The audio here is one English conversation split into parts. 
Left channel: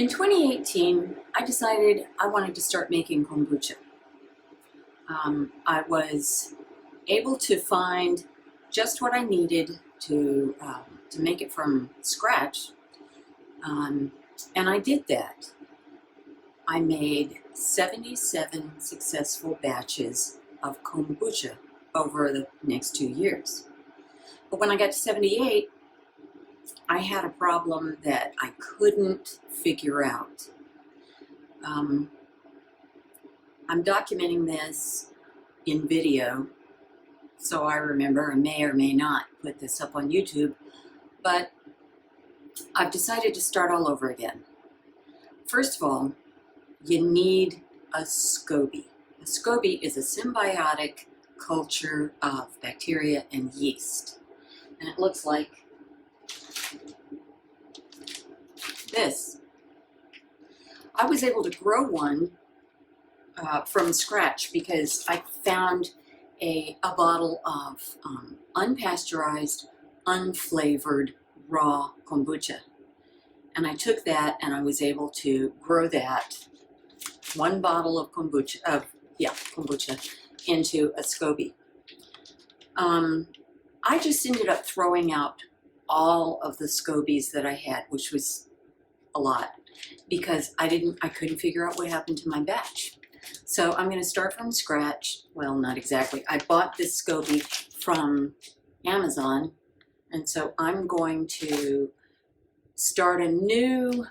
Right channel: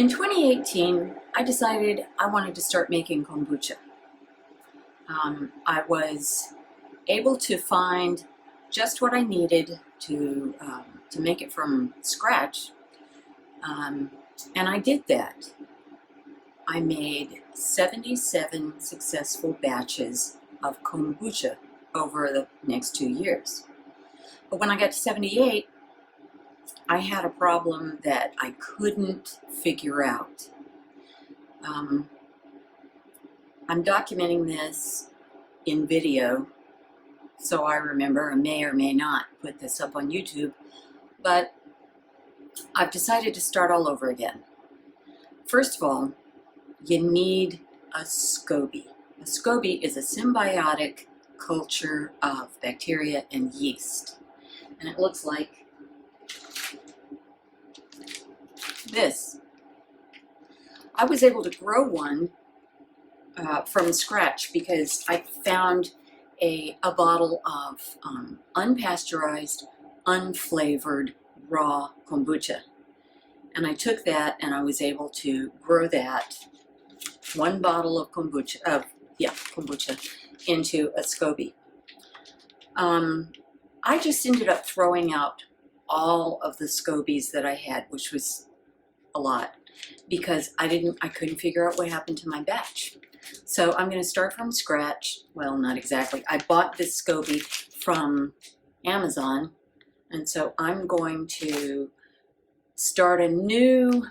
In 2018, I decided I wanted to start making kombucha. I was able to find just what I needed to make it from scratch, and I did that. I made 77 successful batches of kombucha over the next 2 years. But when I got to 78, I had a problem that I couldn't figure out. I'm documenting this in video, so I remember, I may or may not put this up on YouTube, but I've decided to start all over again. First of all, you need a SCOBY. A SCOBY is a symbiotic culture of bacteria and yeast, and it looks like this. I was able to grow one from scratch because I found a bottle of unpasteurized, unflavored, raw kombucha. And I took that and I was able to grow that one bottle of kombucha into a SCOBY. I just ended up throwing out all of the SCOBYs that I had, which was a lot, because I couldn't figure out what happened to my batch. So I'm going to start from scratch. Well, not exactly. I bought this SCOBY from Amazon, and so I'm going to start a new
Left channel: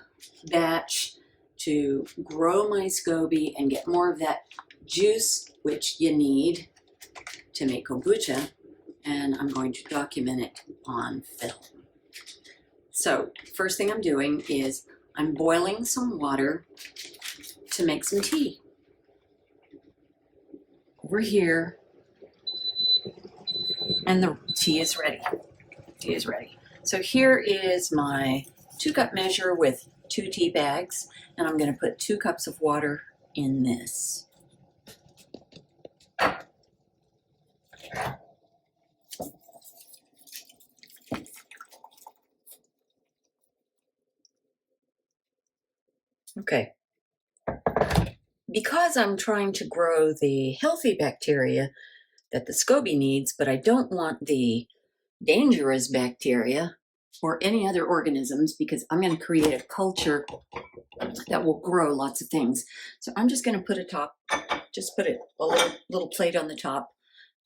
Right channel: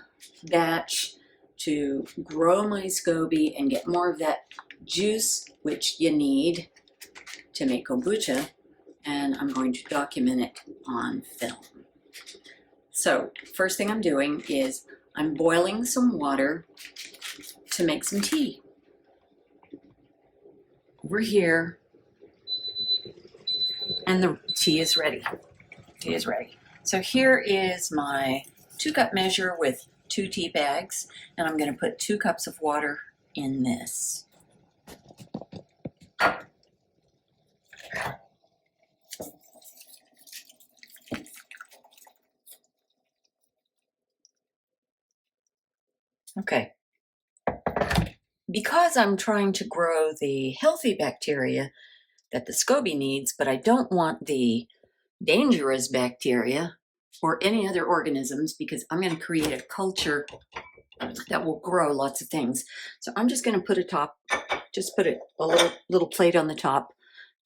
batch to grow my SCOBY and get more of that juice, which you need to make kombucha, and I'm going to document it on film. So first thing I'm doing is I'm boiling some water to make some tea. We're here, and the tea is ready. Tea is ready. So here is my 2-cup measure with 2 tea bags, and I'm going to put 2 cups of water in this. Okay. Because I'm trying to grow the healthy bacteria that the SCOBY needs, but I don't want the dangerous bacteria or any other organisms, because I'm going to create a culture that will grow lots of things. So I'm just going to put a little plate on the top,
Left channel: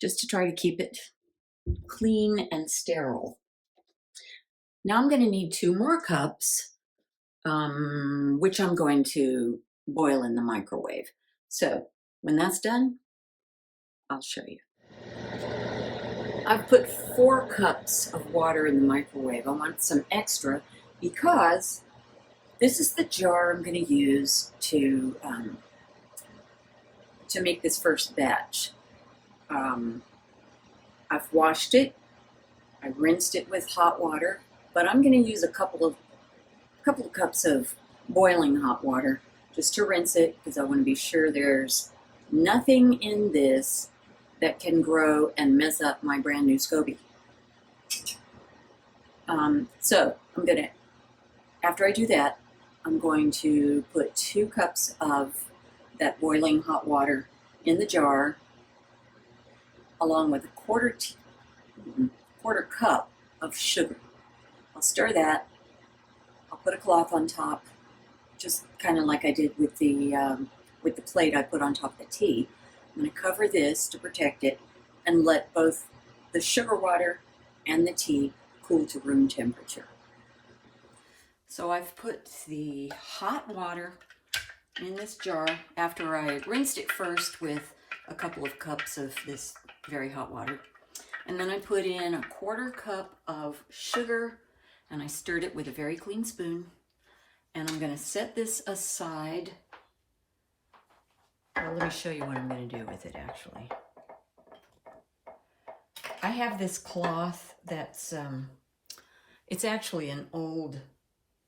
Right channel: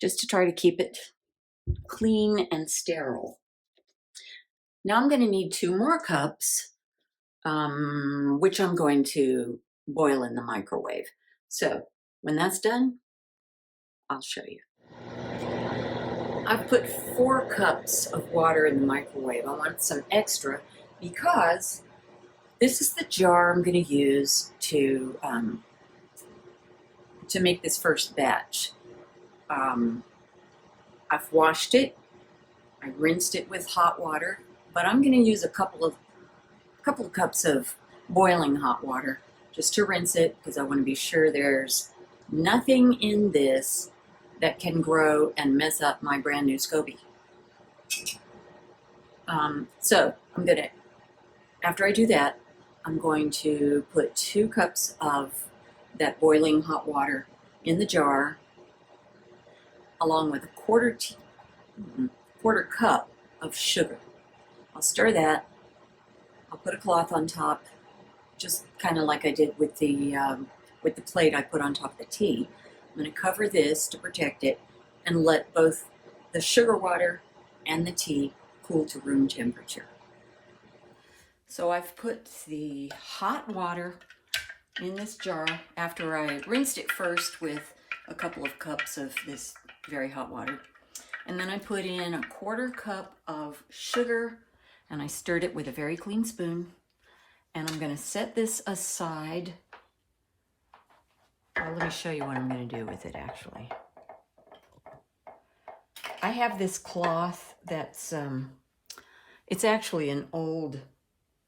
just to try to keep it clean and sterile. Now I'm going to need 2 more cups, which I'm going to boil in the microwave. So when that's done, I'll show you. I've put 4 cups of water in the microwave. I want some extra because this is the jar I'm going to use to make this first batch. I've washed it. I rinsed it with hot water, but I'm going to use a couple of cups of boiling hot water just to rinse it, because I want to be sure there's nothing in this that can grow and mess up my brand new SCOBY. So I'm going to, after I do that, I'm going to put 2 cups of that boiling hot water in the jar, along with a quarter cup of sugar. I'll stir that. I'll put a cloth on top, just kind of like I did with the plate I put on top of the tea. I'm going to cover this to protect it and let both the sugar water and the tea cool to room temperature. So I've put the hot water in this jar after I rinsed it first with a couple of cups of this very hot water. And then I put in a quarter cup of sugar, and I stirred it with a very clean spoon. And I'm going to set this aside. Well, let me show you what I'm going to do with it, actually. I have this cloth that's, it's actually an old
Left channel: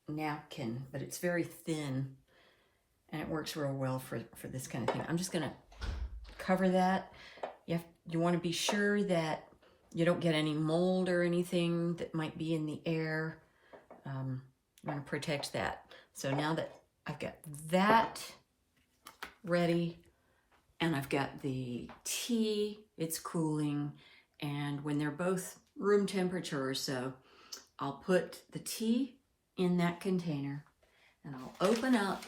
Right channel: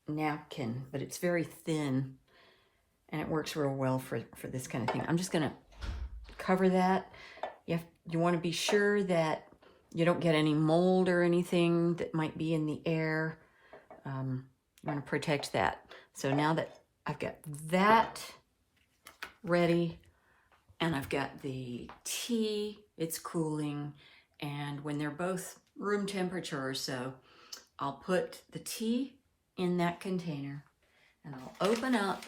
napkin, but it's very thin, and it works real well for this kind of thing. I'm just going to cover that. You want to be sure that you don't get any mold or anything that might be in the air. You want to protect that. So now that I've got that ready, and I've got the tea, it's cooling, and when they're both room temperature or so, I'll put the tea in that container, and I'll open up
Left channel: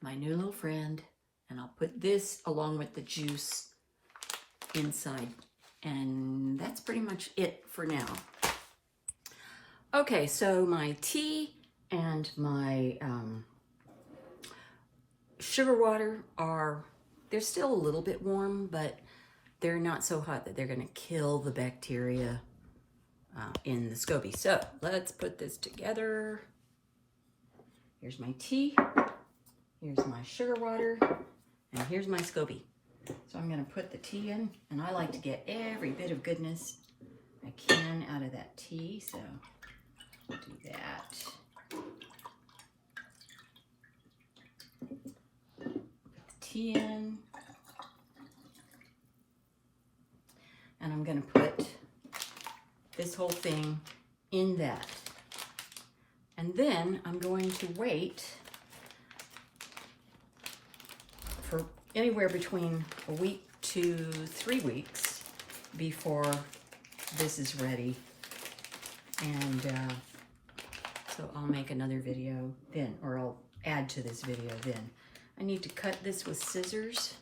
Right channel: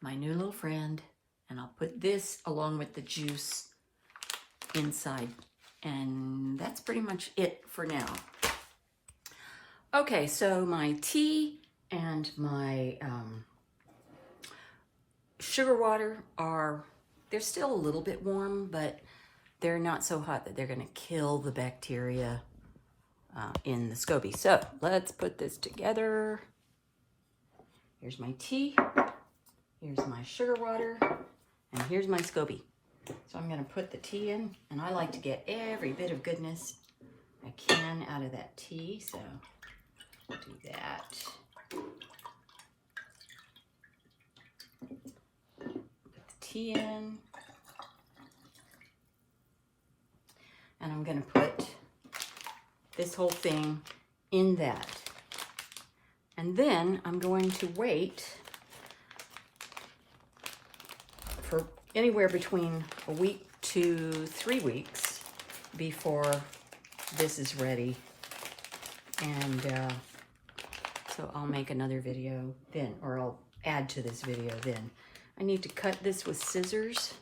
my new little friend, and I'll put this along with the juice inside, and that's pretty much it for now. Okay, so my tea and my sugar water they're still a little bit warm, but they're not so hot that they're gonna kill the bacteria in the SCOBY. So let's put this together. Here's my tea, here's my sugar water, and here's my SCOBY. So I'm gonna put the tea in, and I like to get every bit of goodness I can out of that tea, so I'll do that. Put the tea in, and I'm gonna put this whole thing in that. And then I'm going to wait for anywhere between a week to 3 weeks before this is ready. And so I'll make another video then, or I'll add to this video then. I need to cut this with scissors.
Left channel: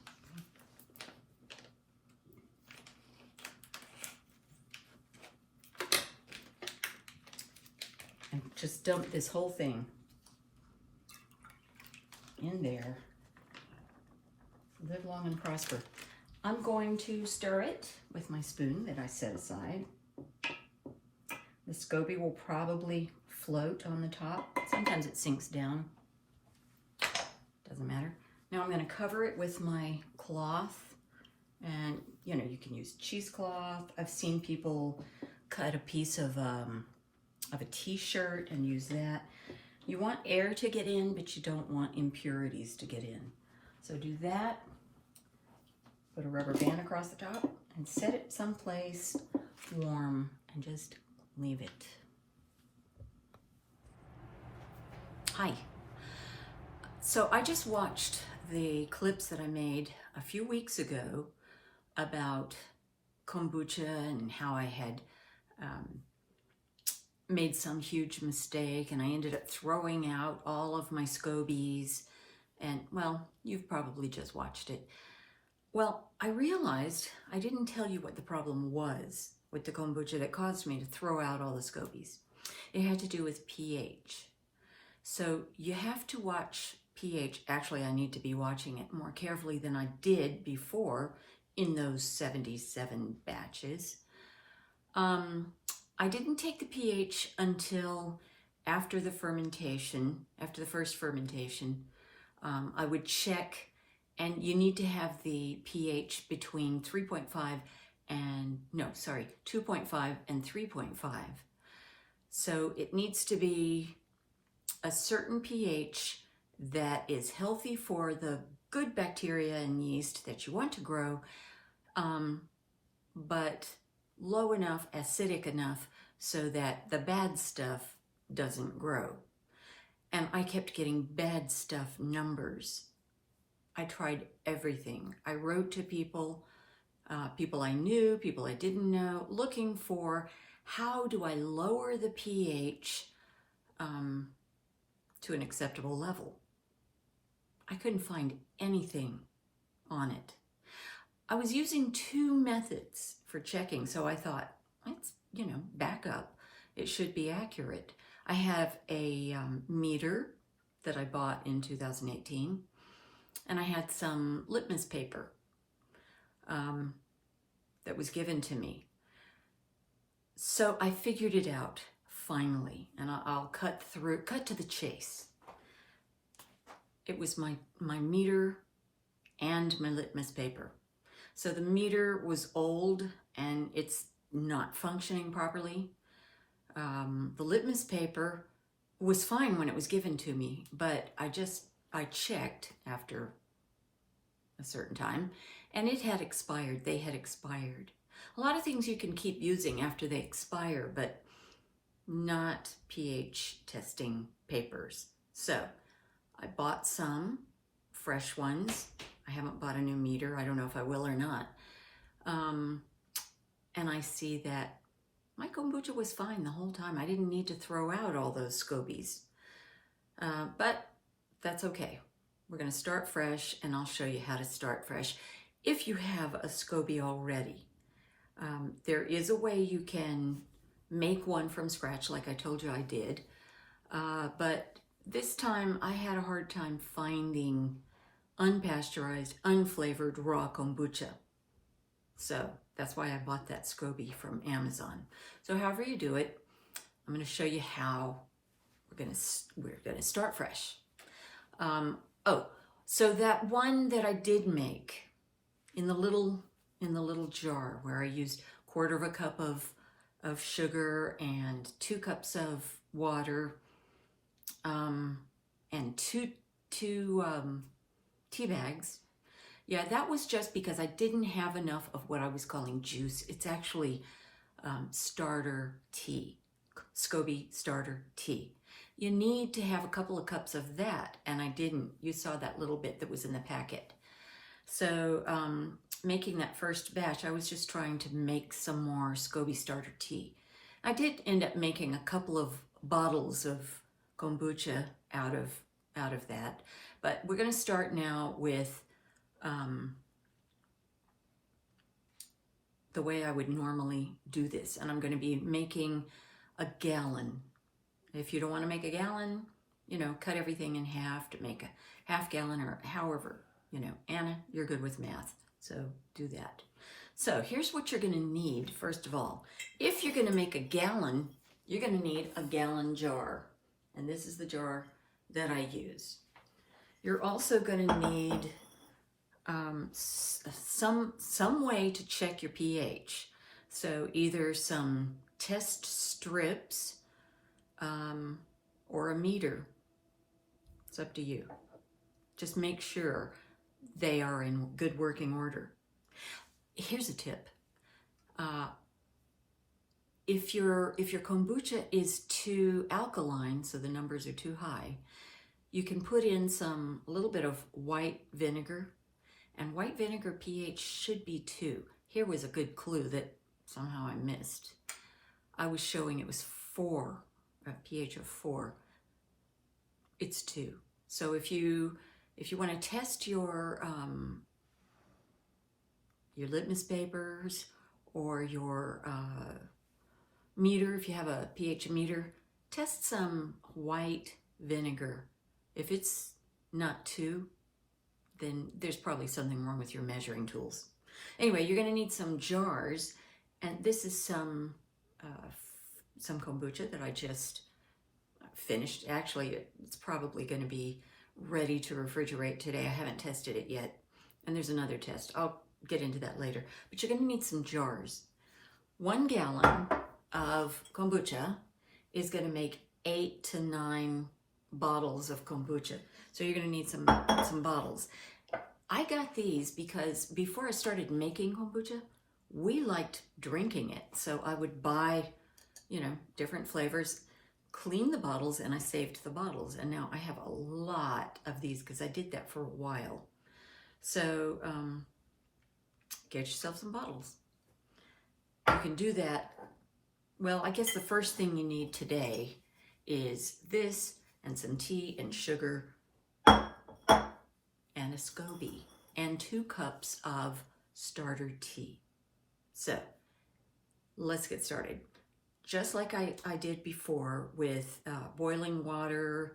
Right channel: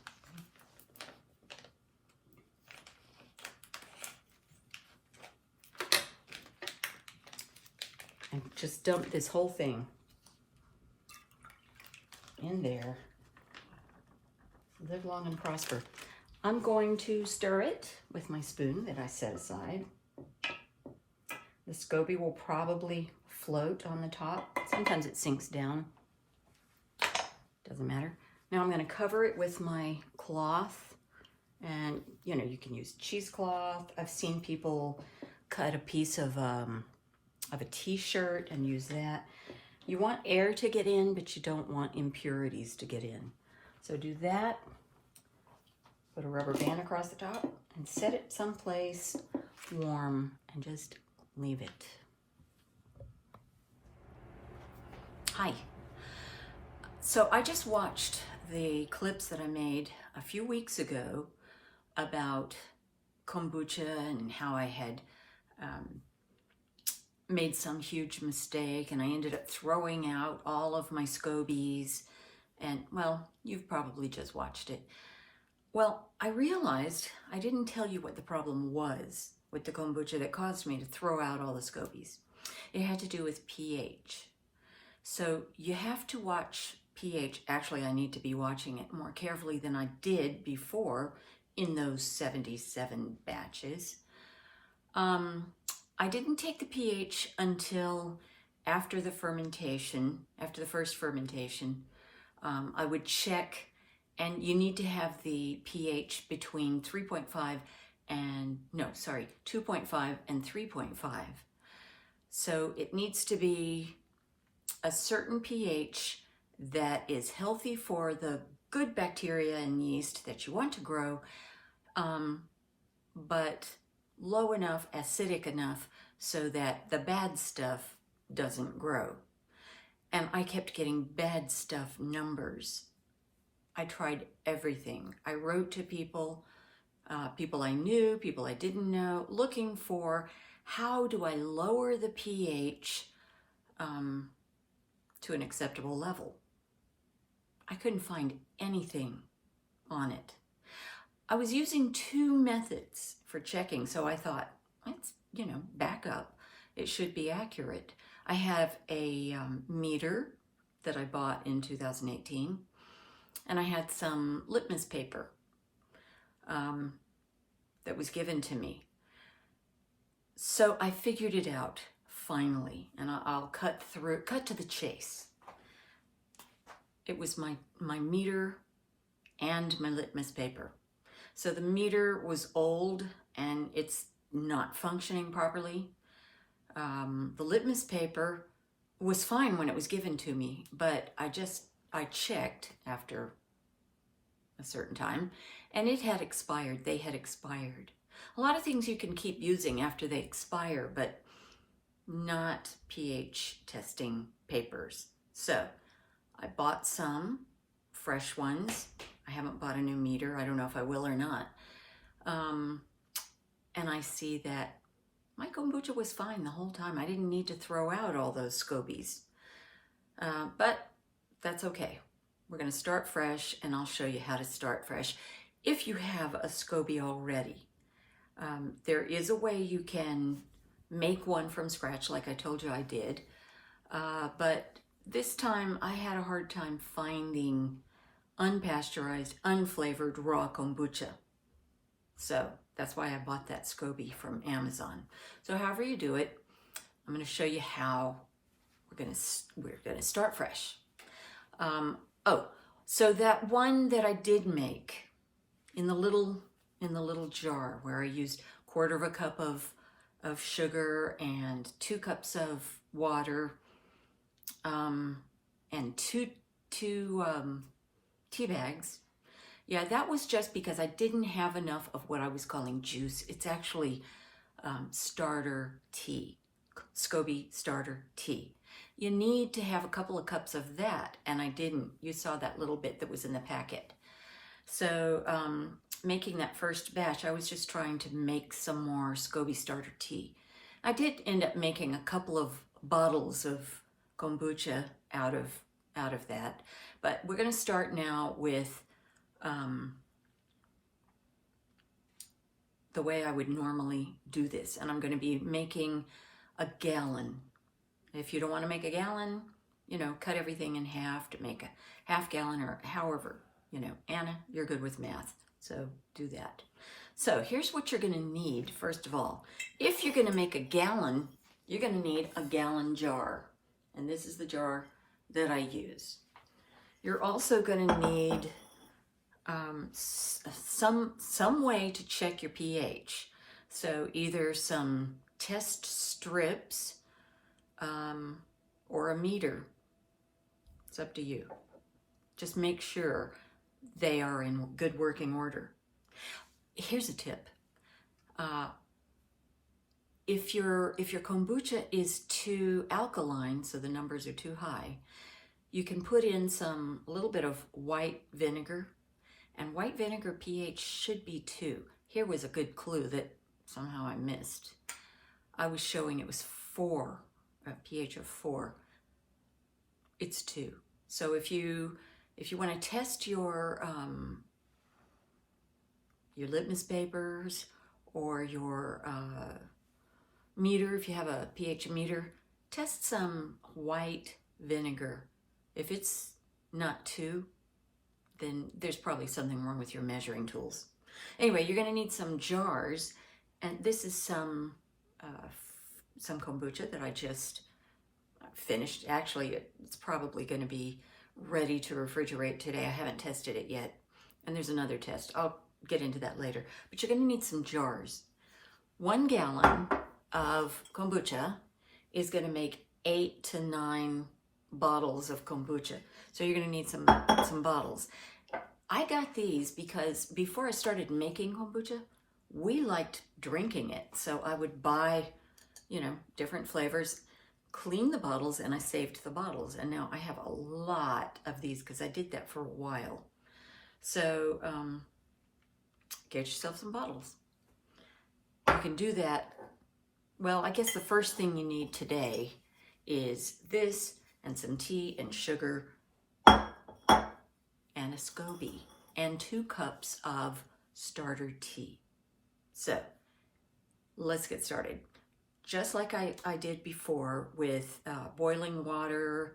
And just dump this whole thing in there. Live long and prosper. I'm going to stir it with my spoon that I set aside. The SCOBY will probably float on the top. Sometimes it sinks down. Doesn't matter. Now I'm going to cover it with my cloth. And, you know, you can use cheesecloth. I've seen people cut a piece of a t-shirt and use that. You want air to get in, but you don't want impurities to get in. So do that. Put a rubber band across the top and set it someplace warm and just leave it. Hi. So I just watched the clips that I made a few weeks ago about kombucha and how I had made some huge mistake, and I ended up throwing out all of my SCOBYs, and well, you've probably just watched it. Well, I realized I didn't tell you what the problem was with the kombucha that caused me to throw out all the SCOBYs. It had to do with pH. So you have to watch pH. Actually, I need to be watching it more carefully than I did before in those 77 batches. I didn't take the pH until after the fermentation, after the first fermentation. I would check, and you need to have the pH between 2.5 and 3.5. So it needs to be a certain pH that is healthy for the good bacteria and yeast that you want to grow, but low enough, acidic enough, so that the bad stuff doesn't grow. And I kept getting bad stuff numbers. I tried everything. I wrote to people, people I knew, people I didn't know, looking for how do I lower the pH to an acceptable level. I couldn't find anything on it. I was using 2 methods for checking, so I thought, let's, back up. It should be accurate. I have a meter that I bought in 2018, and I had some litmus paper that was given to me. So I figured it out finally, and I'll cut to the chase. It was my meter and my litmus paper. So the meter was old and it's not functioning properly. The litmus paper was fine when it was given to me, but I checked after a certain time and it had expired. They had expired. A lot of things you can keep using after they expire, but not pH testing papers. So I bought some fresh ones. I haven't bought a new meter. I don't know if I will or not. And I see that my kombucha was fine the whole time. I didn't need to throw out all those SCOBYs. But that's okay. We're going to start fresh, and I'll show you how to start fresh. If you have a SCOBY already, there is a way you can make one from scratch, like I told you I did. But this time I had a hard time finding unpasteurized, unflavored raw kombucha. So that's why I bought that SCOBY from Amazon. So however you do it, I'm going to show you how we're going to start fresh. So that one that I did make in the little jar where I used 1/4 cup of sugar and 2 cups of water, and two tea bags. Yeah, that was just because I didn't have enough of what I was calling juice. It's actually starter tea, SCOBY starter tea. You need to have a couple of cups of that, and I didn't. You saw that little bit that was in the packet. So making that first batch, I was just trying to make some more SCOBY starter tea. I did end up making a couple of bottles of kombucha out of that, but we're going to start now with the way I would normally do this, and I'm going to be making a gallon. If you don't want to make a gallon, you know, cut everything in half to make a half gallon, or however, you know. Anna, you're good with math, so do that. So here's what you're going to need. First of all, if you're going to make a gallon, you're going to need a gallon jar, and this is the jar that I use. You're also going to need some way to check your pH. So either some test strips or a meter. It's up to you. Just make sure they are in good working order. Here's a tip. If your kombucha is too alkaline, so the numbers are too high, you can put in a little bit of white vinegar, and white vinegar pH should be 2. Here was a good clue that somehow I missed. I was showing it was 4, a pH of 4. It's 2. So if you want to test your litmus papers or your meter, if you have a pH meter, test some white vinegar. If it's not 2, then there's probably something wrong with your measuring tools. Anyway, you're going to need some jars, and this is some kombucha that I just finished. Actually, it's probably going to be ready to refrigerate today. I haven't tested it yet, and there's another test. I'll get into that later. But you're going to need some jars. 1 gallon of kombucha is going to make 8 to 9 bottles of kombucha. So you're going to need some bottles. I got these because before I started making kombucha, we liked drinking it. So I would buy, you know, different flavors, clean the bottles, and I saved the bottles. And now I have a lot of these because I did that for a while. So get yourself some bottles. You can do that. Well, I guess the first thing you need today is this, and some tea and sugar, and a SCOBY, and 2 cups of starter tea. So let's get started. Just like I did before with boiling water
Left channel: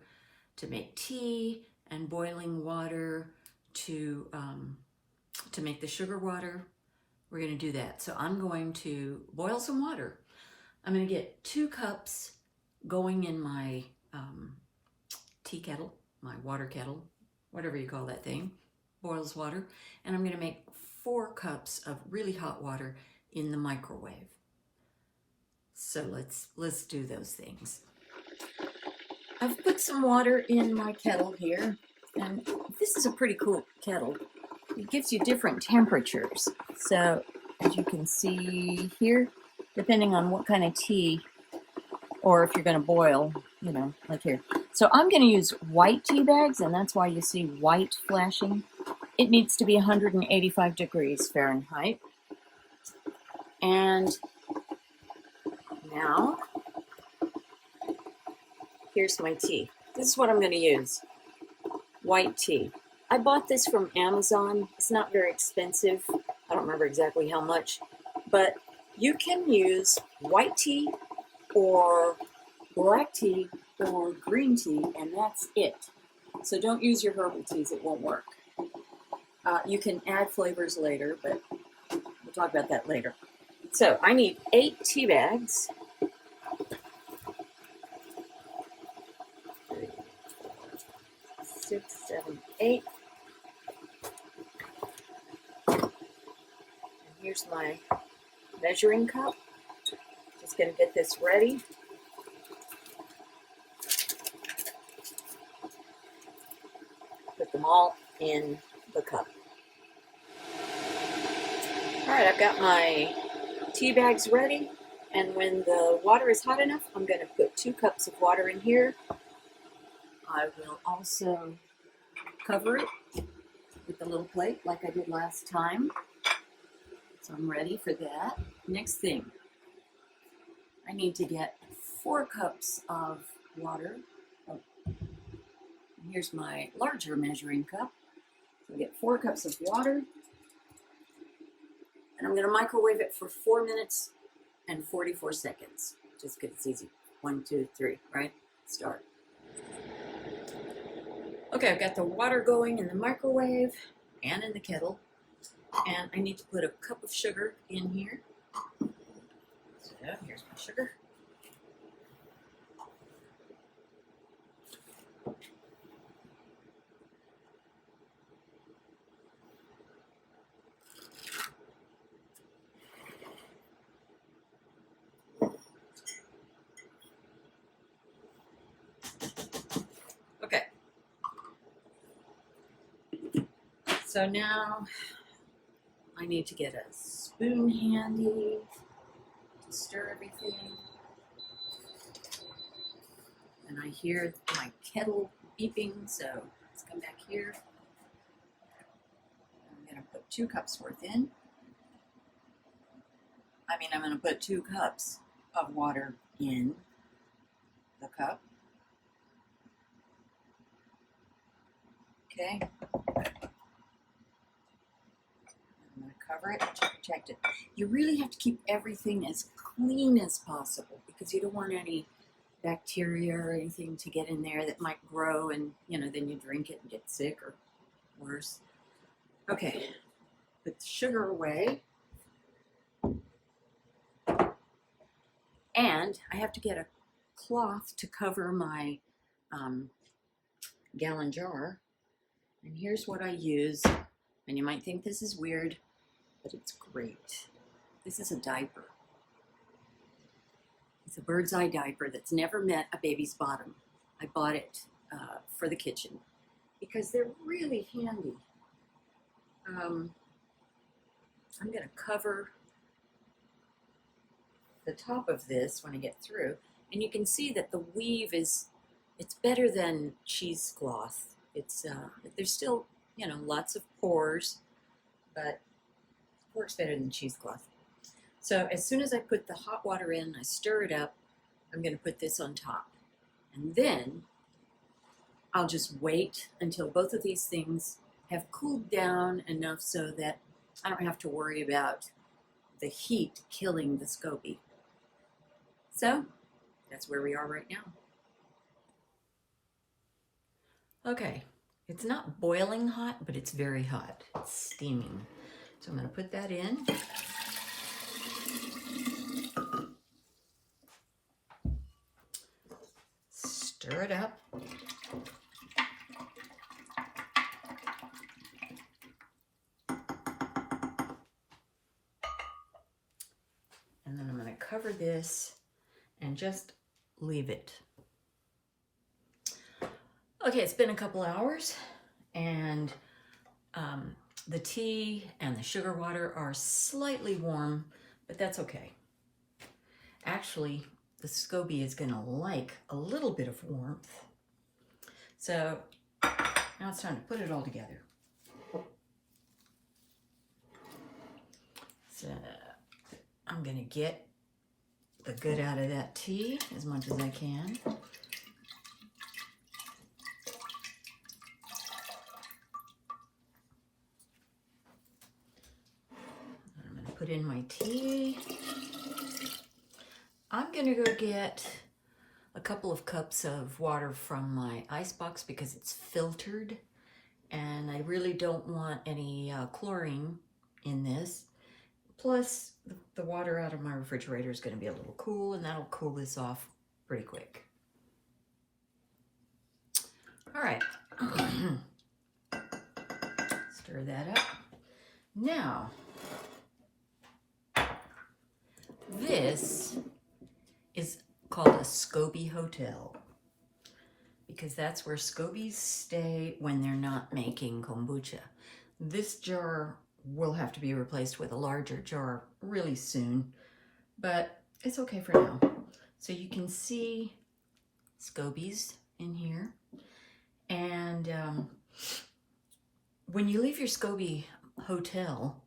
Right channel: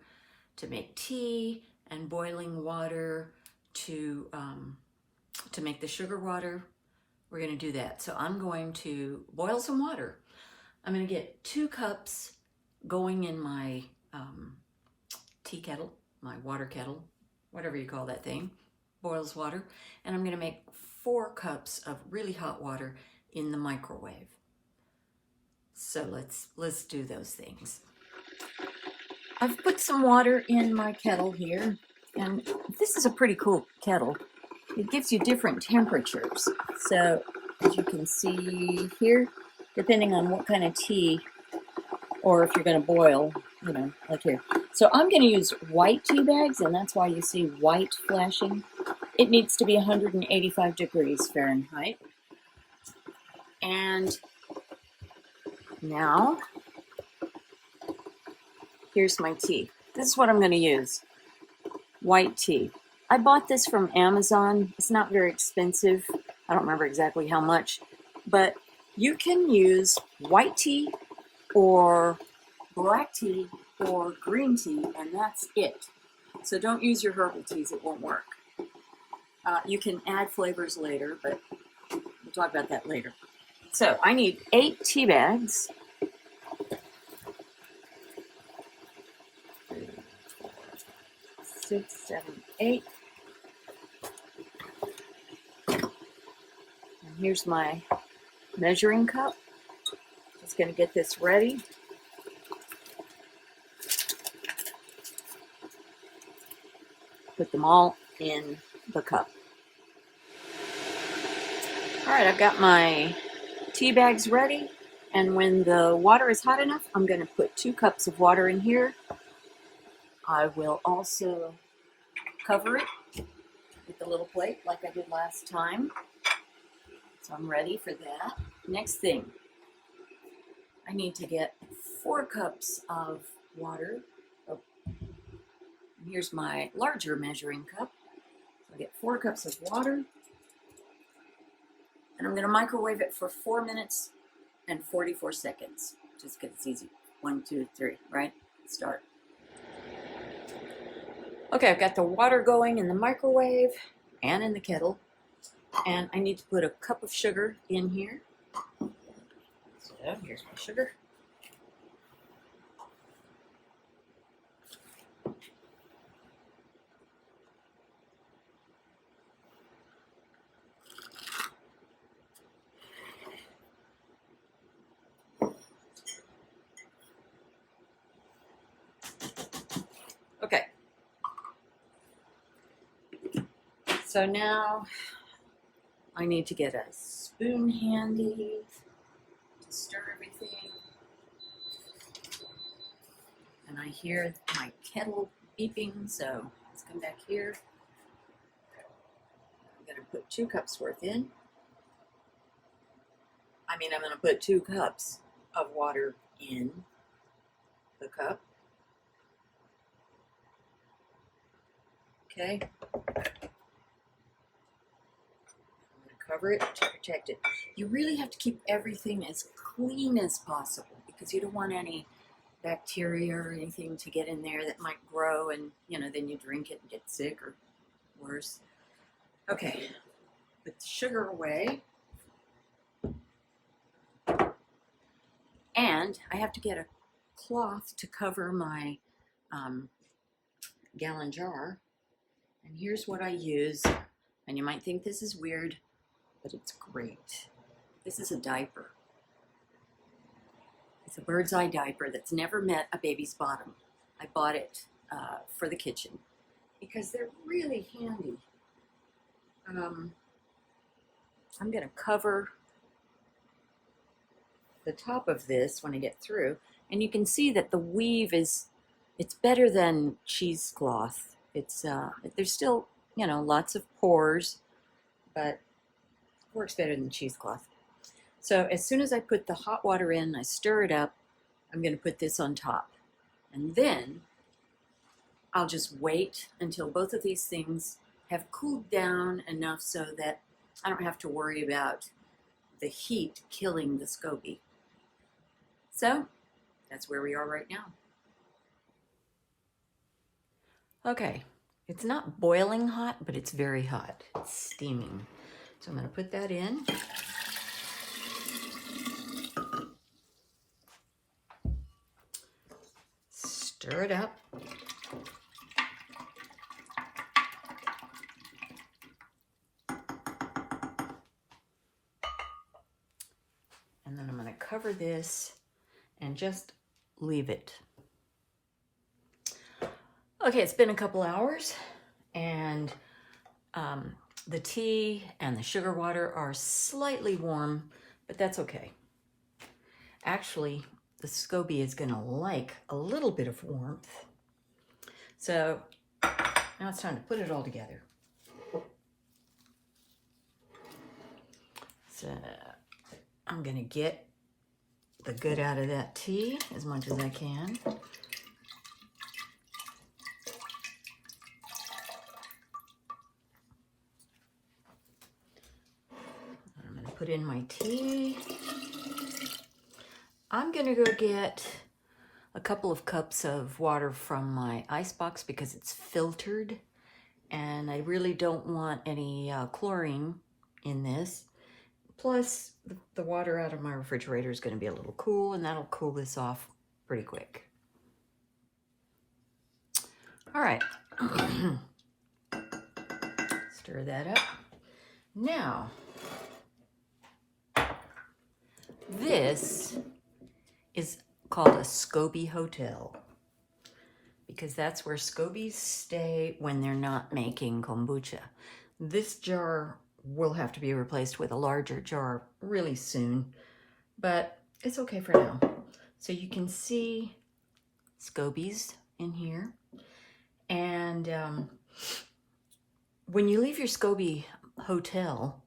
to make tea and boiling water to make the sugar water, we're going to do that. So I'm going to boil some water. I'm going to get 2 cups going in my tea kettle, my water kettle, whatever you call that thing, boils water. And I'm going to make 4 cups of really hot water in the microwave. So let's do those things. I've put some water in my kettle here, and this is a pretty cool kettle. It gives you different temperatures. So as you can see here, depending on what kind of tea or if you're going to boil, you know, like here. So I'm going to use white tea bags, and that's why you see white flashing. It needs to be 185 degrees Fahrenheit. And now, here's my tea. This is what I'm going to use. White tea. I bought this from Amazon. It's not very expensive. I don't remember exactly how much. But you can use white tea or black tea or green tea, and that's it. So don't use your herbal teas. It won't work. You can add flavors later, but we'll talk about that later. So I need 8 tea bags. 6, 7, 8. And here's my measuring cup. Just going to get this ready. Put them all in the cup. All right, I've got my tea bags ready. And when the water is hot enough, I'm going to put 2 cups of water in here. I will also cover it with a little plate like I did last time. So I'm ready for that. Next thing, I need to get 4 cups of water. Oh, here's my larger measuring cup. So I get 4 cups of water. And I'm going to microwave it for 4 minutes and 44 seconds. Just because it's easy. 1, 2, 3, right? Start. Okay, I've got the water going in the microwave and in the kettle. And I need to put a cup of sugar in here. So here's my sugar. Okay. So now I need to get a spoon handy to stir everything. And I hear my kettle beeping, so let's come back here. I'm going to put 2 cups worth in. I'm going to put 2 cups of water in the cup. Okay. I'm going to cover it to protect it. You really have to keep everything as clean as possible because you don't want any bacteria or anything to get in there that might grow and, then you drink it and get sick or worse. Okay, put the sugar away. And I have to get a cloth to cover my gallon jar. And here's what I use. And you might think this is weird, but it's great. This is a diaper. It's a bird's eye diaper that's never met a baby's bottom. I bought it for the kitchen because they're really handy. I'm going to cover the top of this when I get through, and you can see that the weave it's better than cheesecloth. It's there's still lots of pores, but it works better than cheesecloth. So as soon as I put the hot water in, I stir it up. I'm going to put this on top, and then I'll just wait until both of these things have cooled down enough so that I don't have to worry about the heat killing the SCOBY. So that's where we are right now. Okay, it's not boiling hot, but it's very hot. It's steaming. So I'm going to put that in. Stir it up. And then I'm going to cover this and just leave it. Okay, it's been a couple hours, and the tea and the sugar water are slightly warm, but that's okay. Actually, the SCOBY is going to like a little bit of warmth. So now it's time to put it all together. So I'm going to get the good out of that tea as much as I can. I'm going to put in my tea. I'm going to go get a couple of cups of water from my ice box because it's filtered, and I really don't want any chlorine in this. Plus, the water out of my refrigerator is going to be a little cool, and that'll cool this off pretty quick. All right. Stir that up. Now, this is called a SCOBY hotel because that's where SCOBYs stay when they're not making kombucha. This jar will have to be replaced with a larger jar really soon, but it's okay for now. So you can see SCOBYs in here. And when you leave your SCOBY hotel,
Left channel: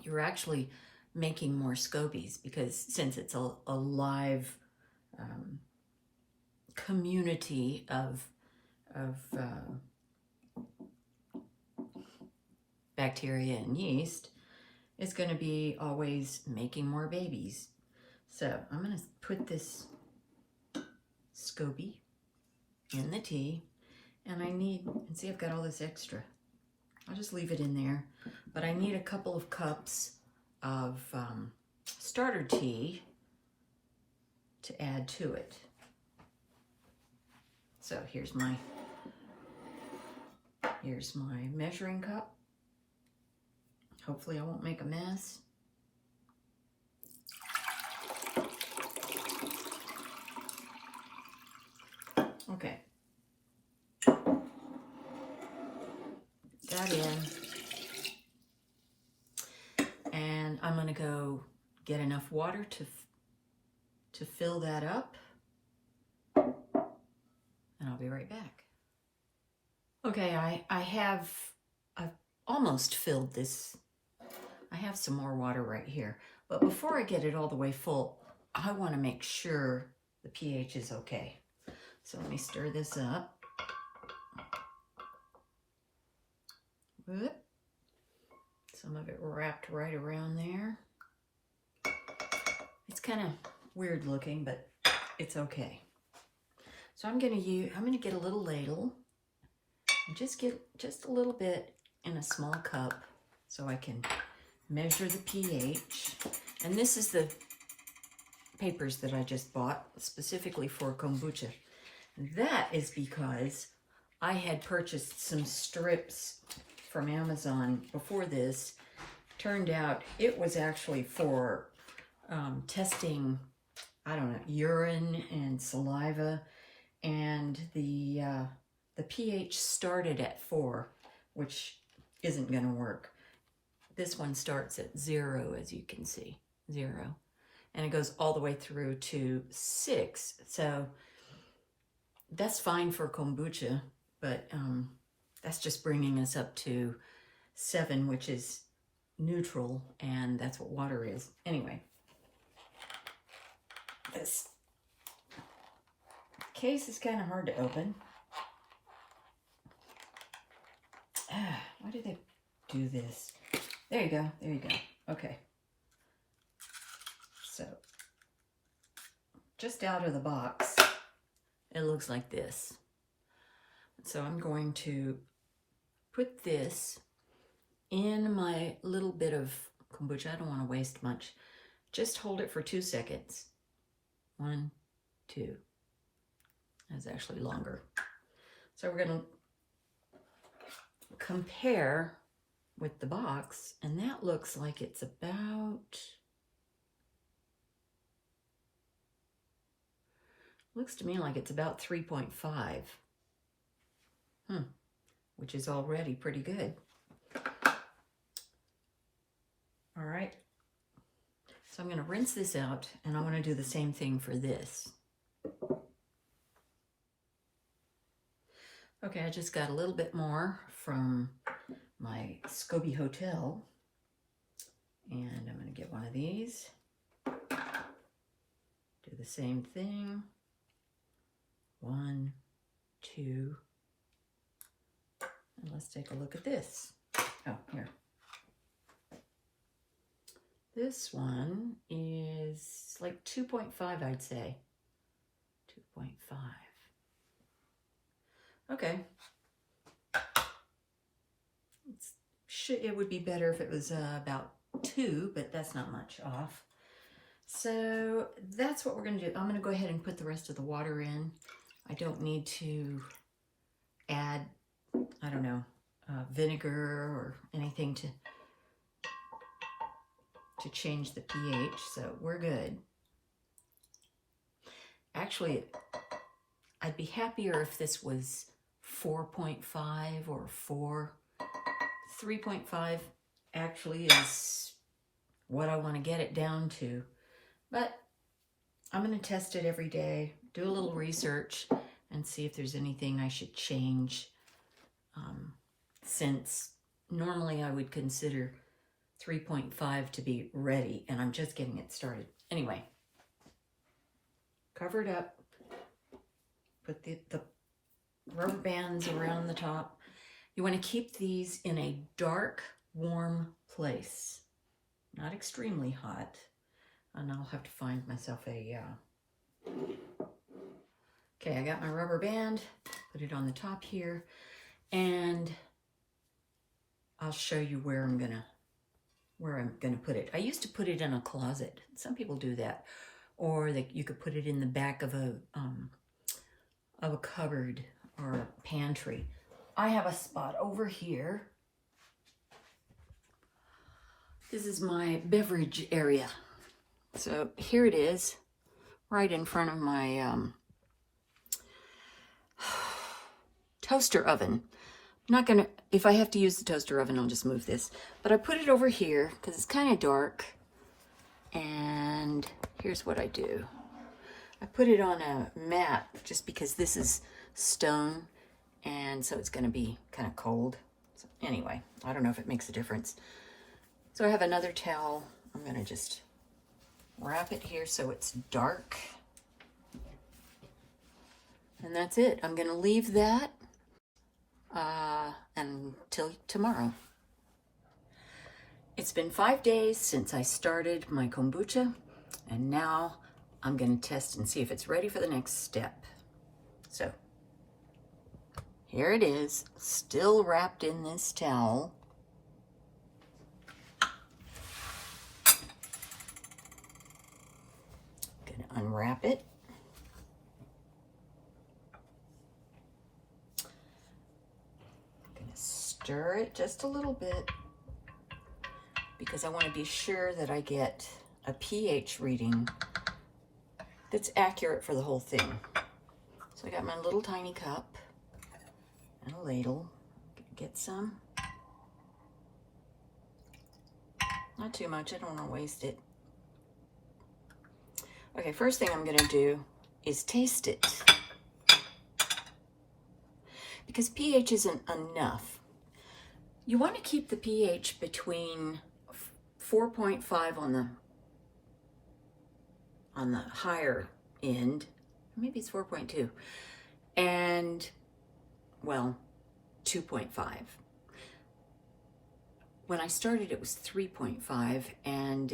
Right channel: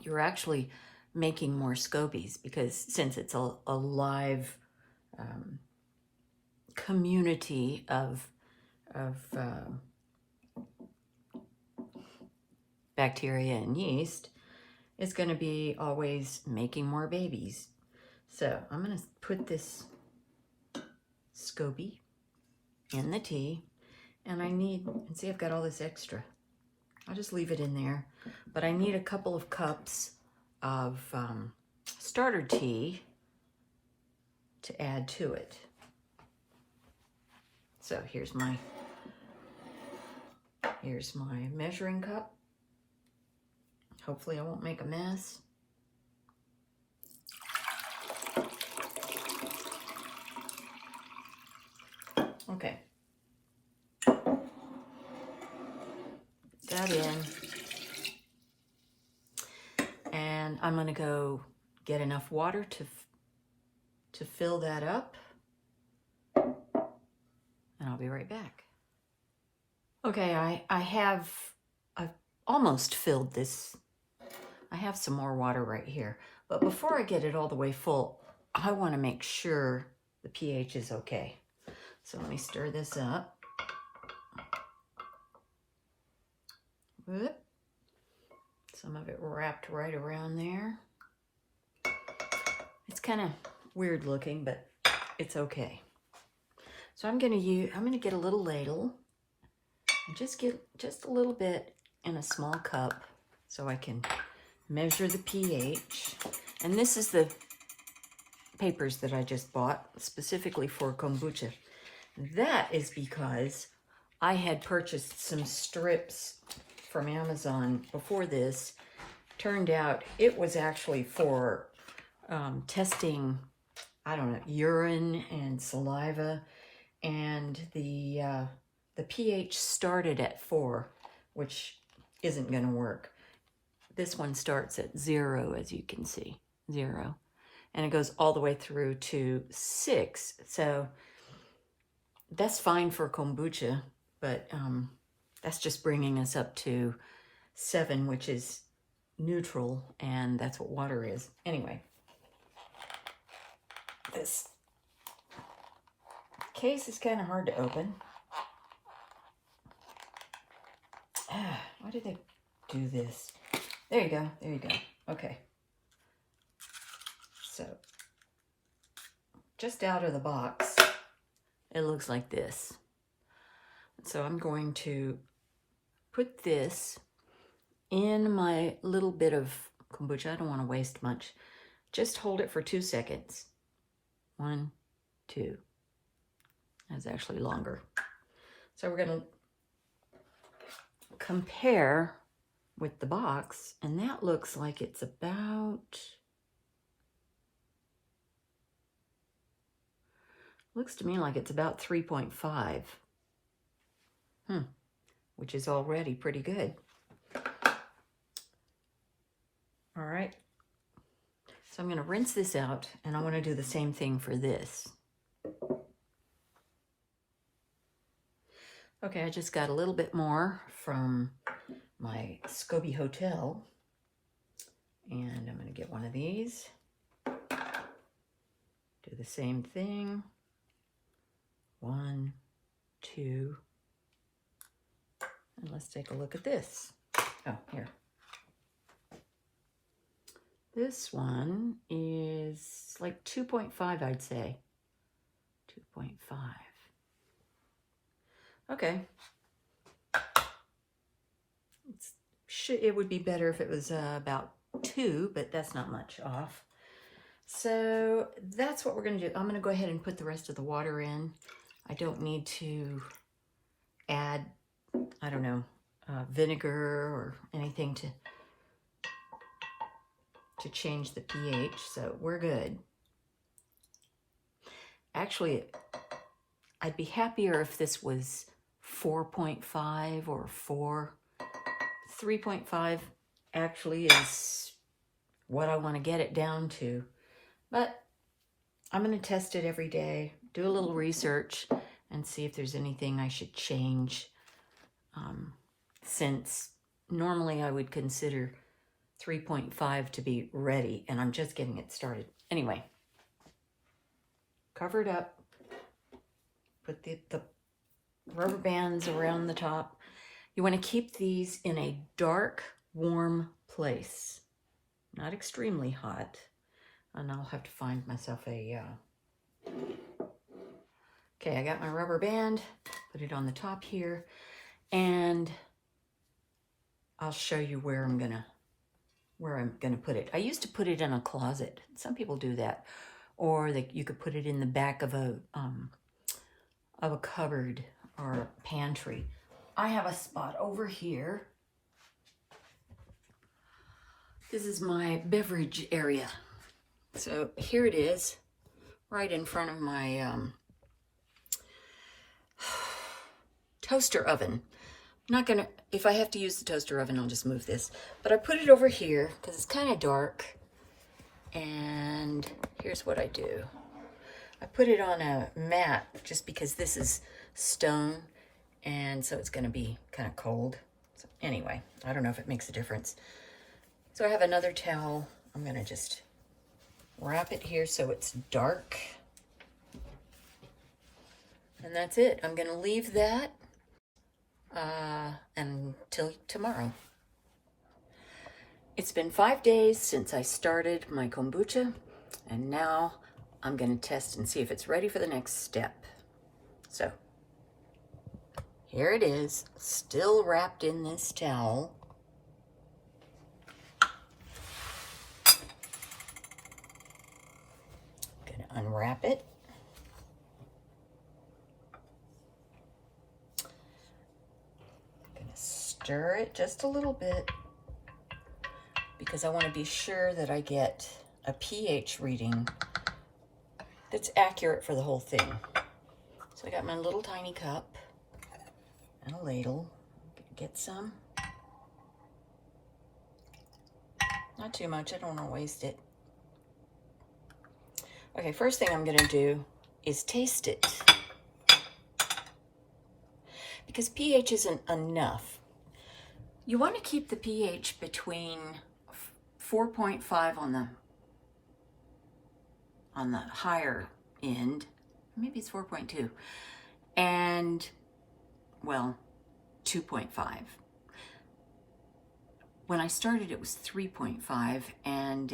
you're actually making more SCOBYs because since it's a live community of bacteria and yeast, it's going to be always making more babies. So I'm going to put this SCOBY in the tea, and see I've got all this extra. I'll just leave it in there, but I need a couple of cups of starter tea to add to it. So here's my measuring cup. Hopefully I won't make a mess. Okay. That in. And I'm going to go get enough water to fill that up. And I'll be right back. Okay, I've almost filled this. I have some more water right here. But before I get it all the way full, I want to make sure the pH is okay. So let me stir this up. Whoop. Some of it wrapped right around there. It's kind of weird looking, but it's okay. So I'm gonna get a little ladle and just get just a little bit in a small cup so I can measure the pH. And this is the papers that I just bought specifically for kombucha. That is because I had purchased some strips from Amazon before this. Turned out it was actually for testing, I don't know, urine and saliva, and the pH started at 4, which isn't going to work. This one starts at 0, as you can see, 0, and it goes all the way through to 6. So that's fine for kombucha, but that's just bringing us up to 7, which is neutral, and that's what water is. Anyway, this case is kind of hard to open. Why did they do this? There you go. There you go. Okay. So, just out of the box, it looks like this. So I'm going to put this in my little bit of kombucha. I don't want to waste much. Just hold it for 2 seconds. 1, 2. That's actually longer. So we're going to compare with the box, and that looks like it's about, looks to me like it's about 3.5. Which is already pretty good. All right. So I'm going to rinse this out, and I want to do the same thing for this. Okay, I just got a little bit more from my SCOBY hotel, and I'm going to get one of these. Do the same thing. 1, 2, and let's take a look at this. Oh, here. This one is like 2.5, I'd say. 2.5. Okay. It would be better if it was about 2, but that's not much off. So that's what we're going to do. I'm going to go ahead and put the rest of the water in. I don't need to add, I don't know, vinegar or anything to change the pH, so we're good. Actually, I'd be happier if this was 4.5 or 4. 3.5 actually is what I want to get it down to. But I'm going to test it every day, do a little research, and see if there's anything I should change. Since normally I would consider 3.5 to be ready, and I'm just getting it started. Anyway, cover it up, put the rubber bands around the top. You want to keep these in a dark, warm place, not extremely hot. And I'll have to find myself a, okay, I got my rubber band, put it on the top here, and I'll show you where I'm gonna put it. I used to put it in a closet. Some people do that, or you could put it in the back of a cupboard or a pantry. I have a spot over here. This is my beverage area. So here it is, right in front of my toaster oven. I'm not gonna, if I have to use the toaster oven, I'll just move this. But I put it over here because it's kind of dark. And here's what I do. I put it on a mat just because this is stone, and so it's gonna be kind of cold. So anyway, I don't know if it makes a difference. So I have another towel. I'm gonna just wrap it here so it's dark. And that's it. I'm gonna leave that until tomorrow. It's been 5 days since I started my kombucha, and now I'm gonna test and see if it's ready for the next step. So here it is, still wrapped in this towel. Gonna unwrap it. Gonna stir it just a little bit because I want to be sure that I get a pH reading that's accurate for the whole thing. So I got my little tiny cup and a ladle. Get some. Not too much, I don't want to waste it. Okay, first thing I'm gonna do is taste it. Because pH isn't enough. You want to keep the pH between 4.5 on the higher end, maybe it's 4.2, and, well, 2.5. When I started, it was 3.5, and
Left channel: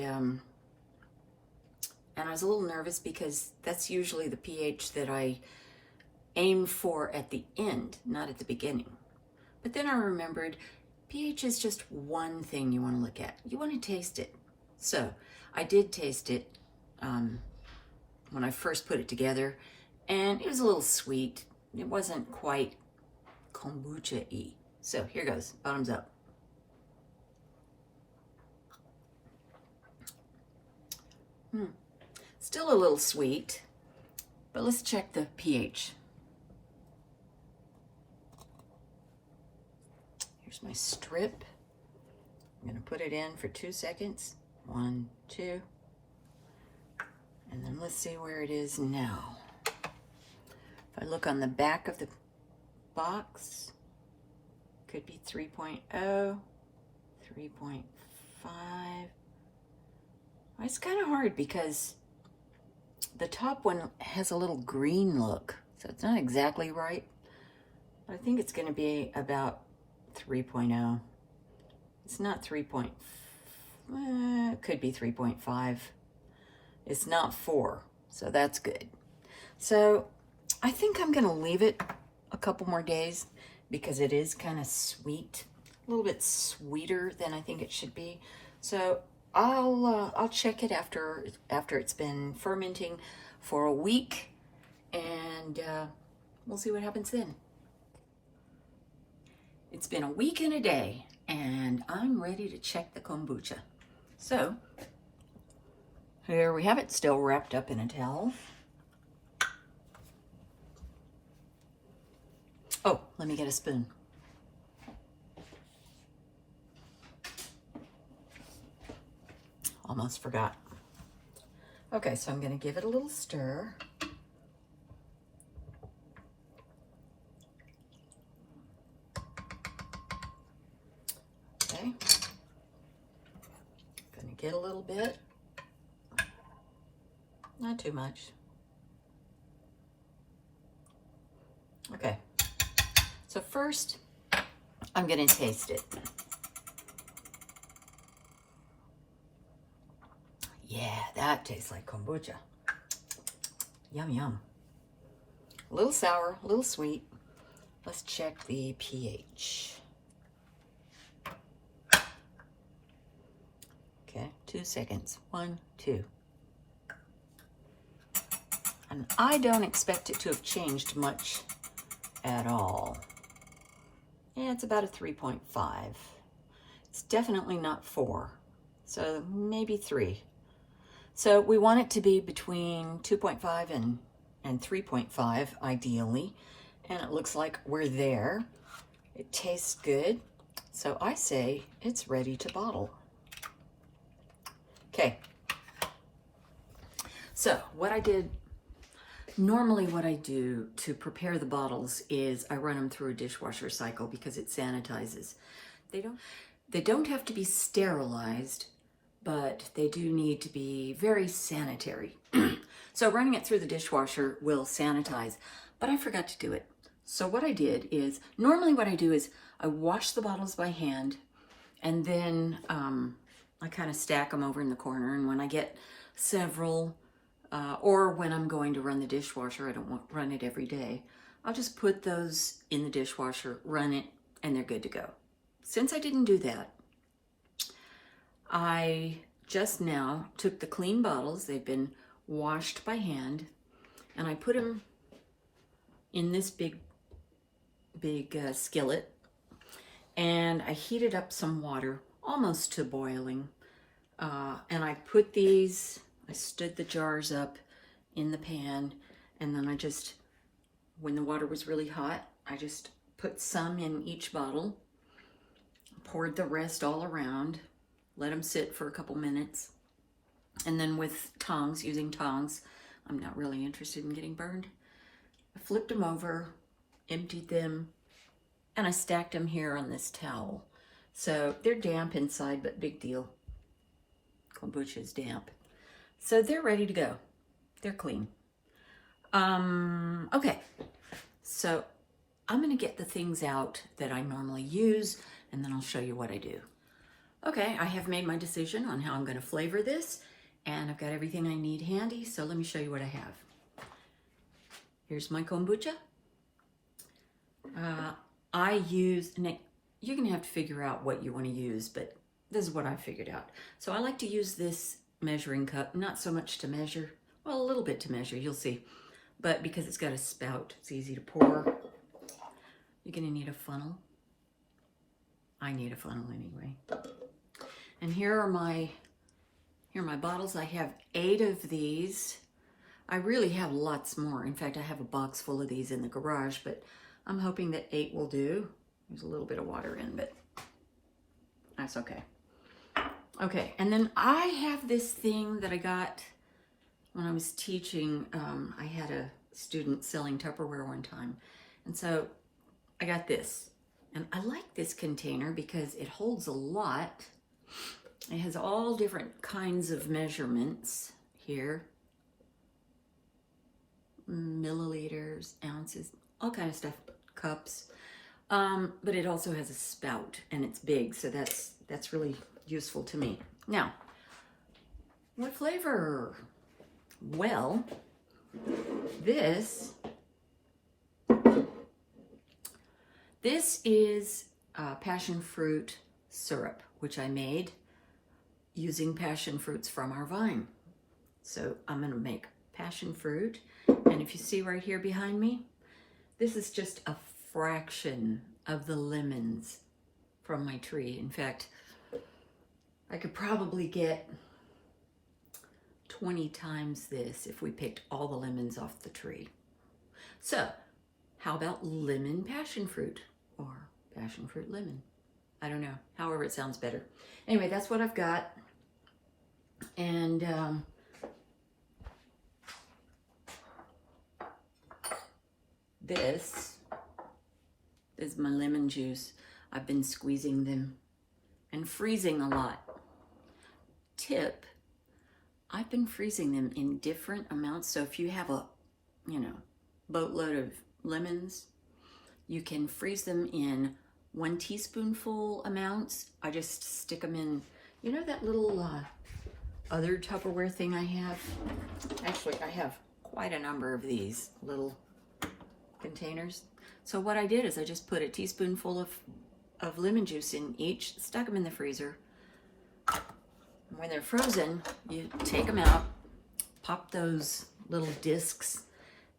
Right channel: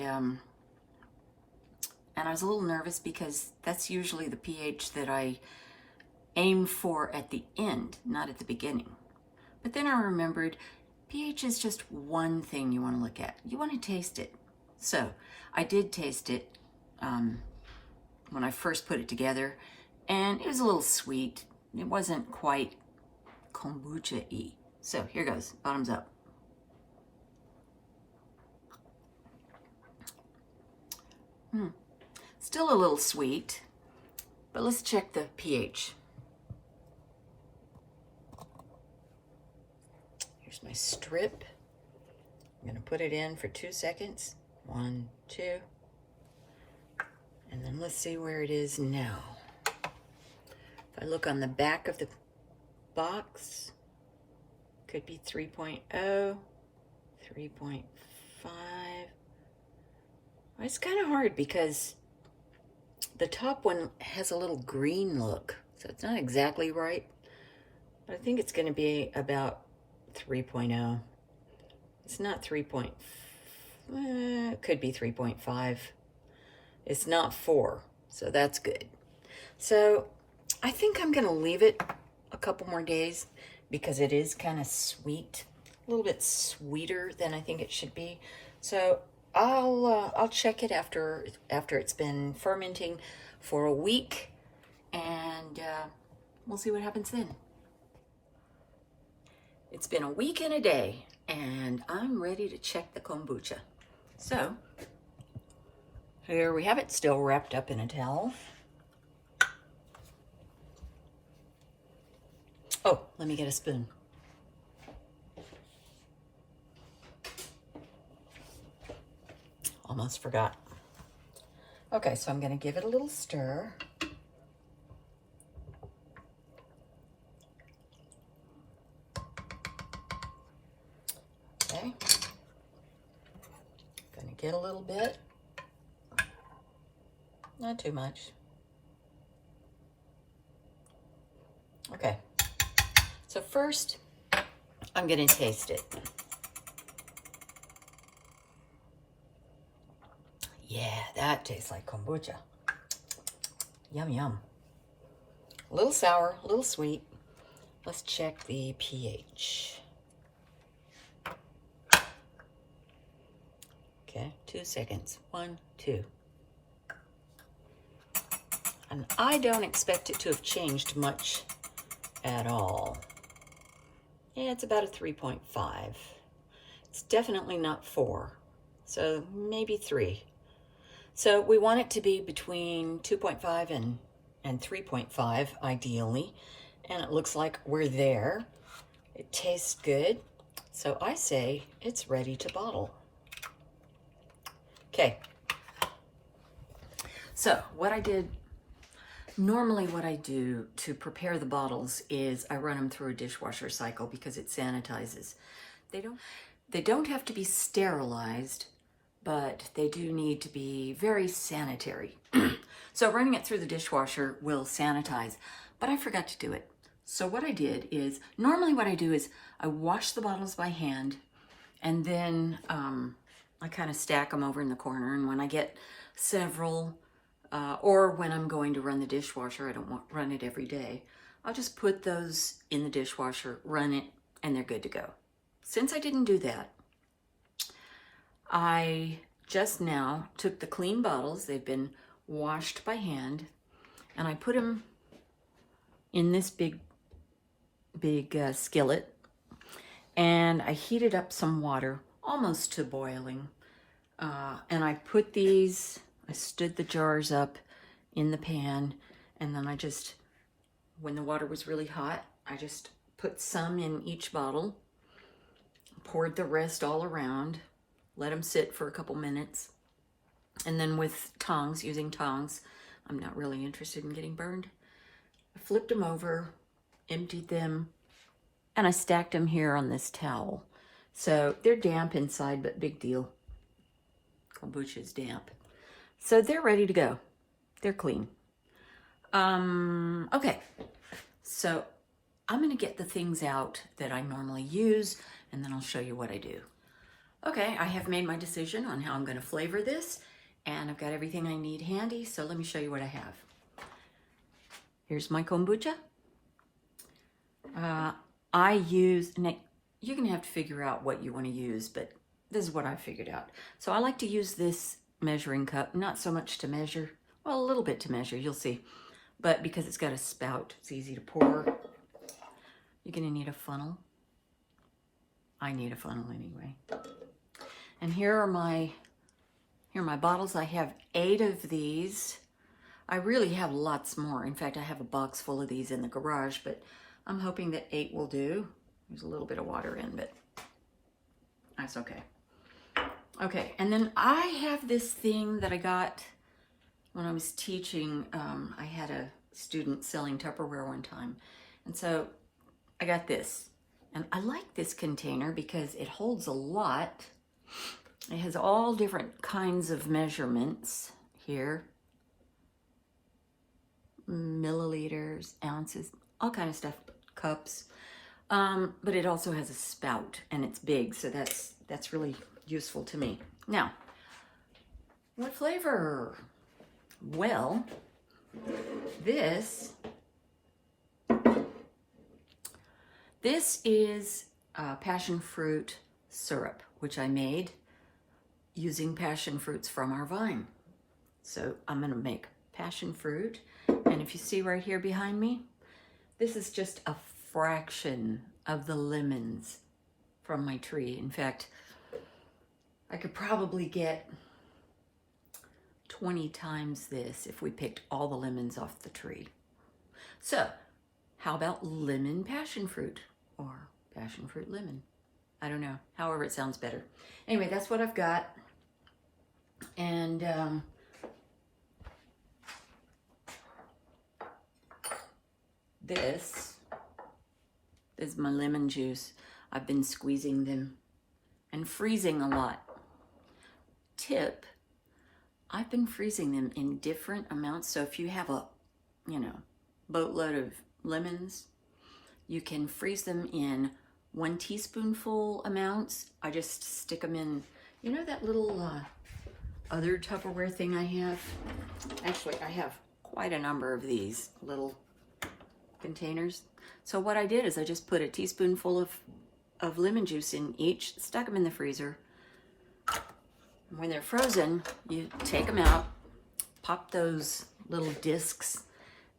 I was a little nervous because that's usually the pH that I aim for at the end, not at the beginning. But then I remembered pH is just one thing you want to look at. You want to taste it. So I did taste it when I first put it together, and it was a little sweet. It wasn't quite kombucha-y. So here goes, bottoms up. Still a little sweet, but let's check the pH. Here's my strip. I'm gonna put it in for 2 seconds. 1, 2. And then let's see where it is now. If I look on the back of the box, could be 3.0, 3.5. It's kind of hard because the top one has a little green look, so it's not exactly right. But I think it's going to be about 3.0. It's not 3. It could be 3.5. It's not 4, so that's good. So I think I'm going to leave it a couple more days because it is kind of sweet, a little bit sweeter than I think it should be. So I'll check it after it's been fermenting for a week, and we'll see what happens then. It's been a week and a day, and I'm ready to check the kombucha. So here we have it, still wrapped up in a towel. Oh, let me get a spoon. Almost forgot. Okay, so I'm going to give it a little stir. Okay. Going to get a little bit. Not too much. Okay. So first, I'm going to taste it. Yeah, that tastes like kombucha. Yum, yum. A little sour, a little sweet. Let's check the pH. Okay, 2 seconds. 1, 2. And I don't expect it to have changed much at all. Yeah, it's about a 3.5. It's definitely not 4. So maybe 3. So we want it to be between 2.5 and 3.5 ideally. And it looks like we're there. It tastes good. So I say it's ready to bottle. Okay. So what I did, normally what I do to prepare the bottles is I run them through a dishwasher cycle because it sanitizes. They don't have to be sterilized, but they do need to be very sanitary. So running it through the dishwasher will sanitize, but I forgot to do it. So what I did is, normally what I do is I wash the bottles by hand, and then I kind of stack them over in the corner, and when I get several, or when I'm going to run the dishwasher, I don't run it every day, I'll just put those in the dishwasher, run it, and they're good to go. Since I didn't do that, I just now took the clean bottles, they've been washed by hand, and I put them in this big skillet, and I heated up some water almost to boiling, and I put these, I stood the jars up in the pan, and then I just, when the water was really hot, I just put some in each bottle, poured the rest all around, let them sit for a couple minutes, and then with tongs, using tongs, I'm not really interested in getting burned, I flipped them over, emptied them, and I stacked them here on this towel. So they're damp inside, but big deal. Kombucha is damp. So they're ready to go. They're clean. Okay, so I'm going to get the things out that I normally use, and then I'll show you what I do. Okay, I have made my decision on how I'm going to flavor this, and I've got everything I need handy, so let me show you what I have. Here's my kombucha. I use, and you're going to have to figure out what you want to use, but this is what I figured out. So I like to use this measuring cup, not so much to measure, well, a little bit to measure, you'll see, but because it's got a spout, it's easy to pour. You're going to need a funnel. I need a funnel anyway. And here are my bottles. I have 8 of these. I really have lots more. In fact, I have a box full of these in the garage, but I'm hoping that 8 will do. There's a little bit of water in, but that's okay. Okay, and then I have this thing that I got when I was teaching, I had a student selling Tupperware one time. And so I got this. And I like this container because it holds a lot. It has all different kinds of measurements here. Milliliters, ounces, all kind of stuff, cups. But it also has a spout and it's big, so that's really useful to me. Now, what flavor? Well, this is passion fruit syrup, which I made using passion fruits from our vine. So I'm gonna make passion fruit, and if you see right here behind me, this is just a fraction of the lemons from my tree. In fact, I could probably get 20 times this if we picked all the lemons off the tree. So, how about lemon passion fruit or passion fruit lemon? I don't know, however it sounds better. Anyway, that's what I've got. And this is my lemon juice. I've been squeezing them and freezing a lot. Tip, I've been freezing them in different amounts. So if you have a, boatload of lemons, you can freeze them in 1 teaspoonful amounts. I just stick them in, that little other Tupperware thing I have. Actually, I have quite a number of these little containers. So what I did is I just put a teaspoonful of lemon juice in each, stuck them in the freezer. When they're frozen, you take them out, pop those little discs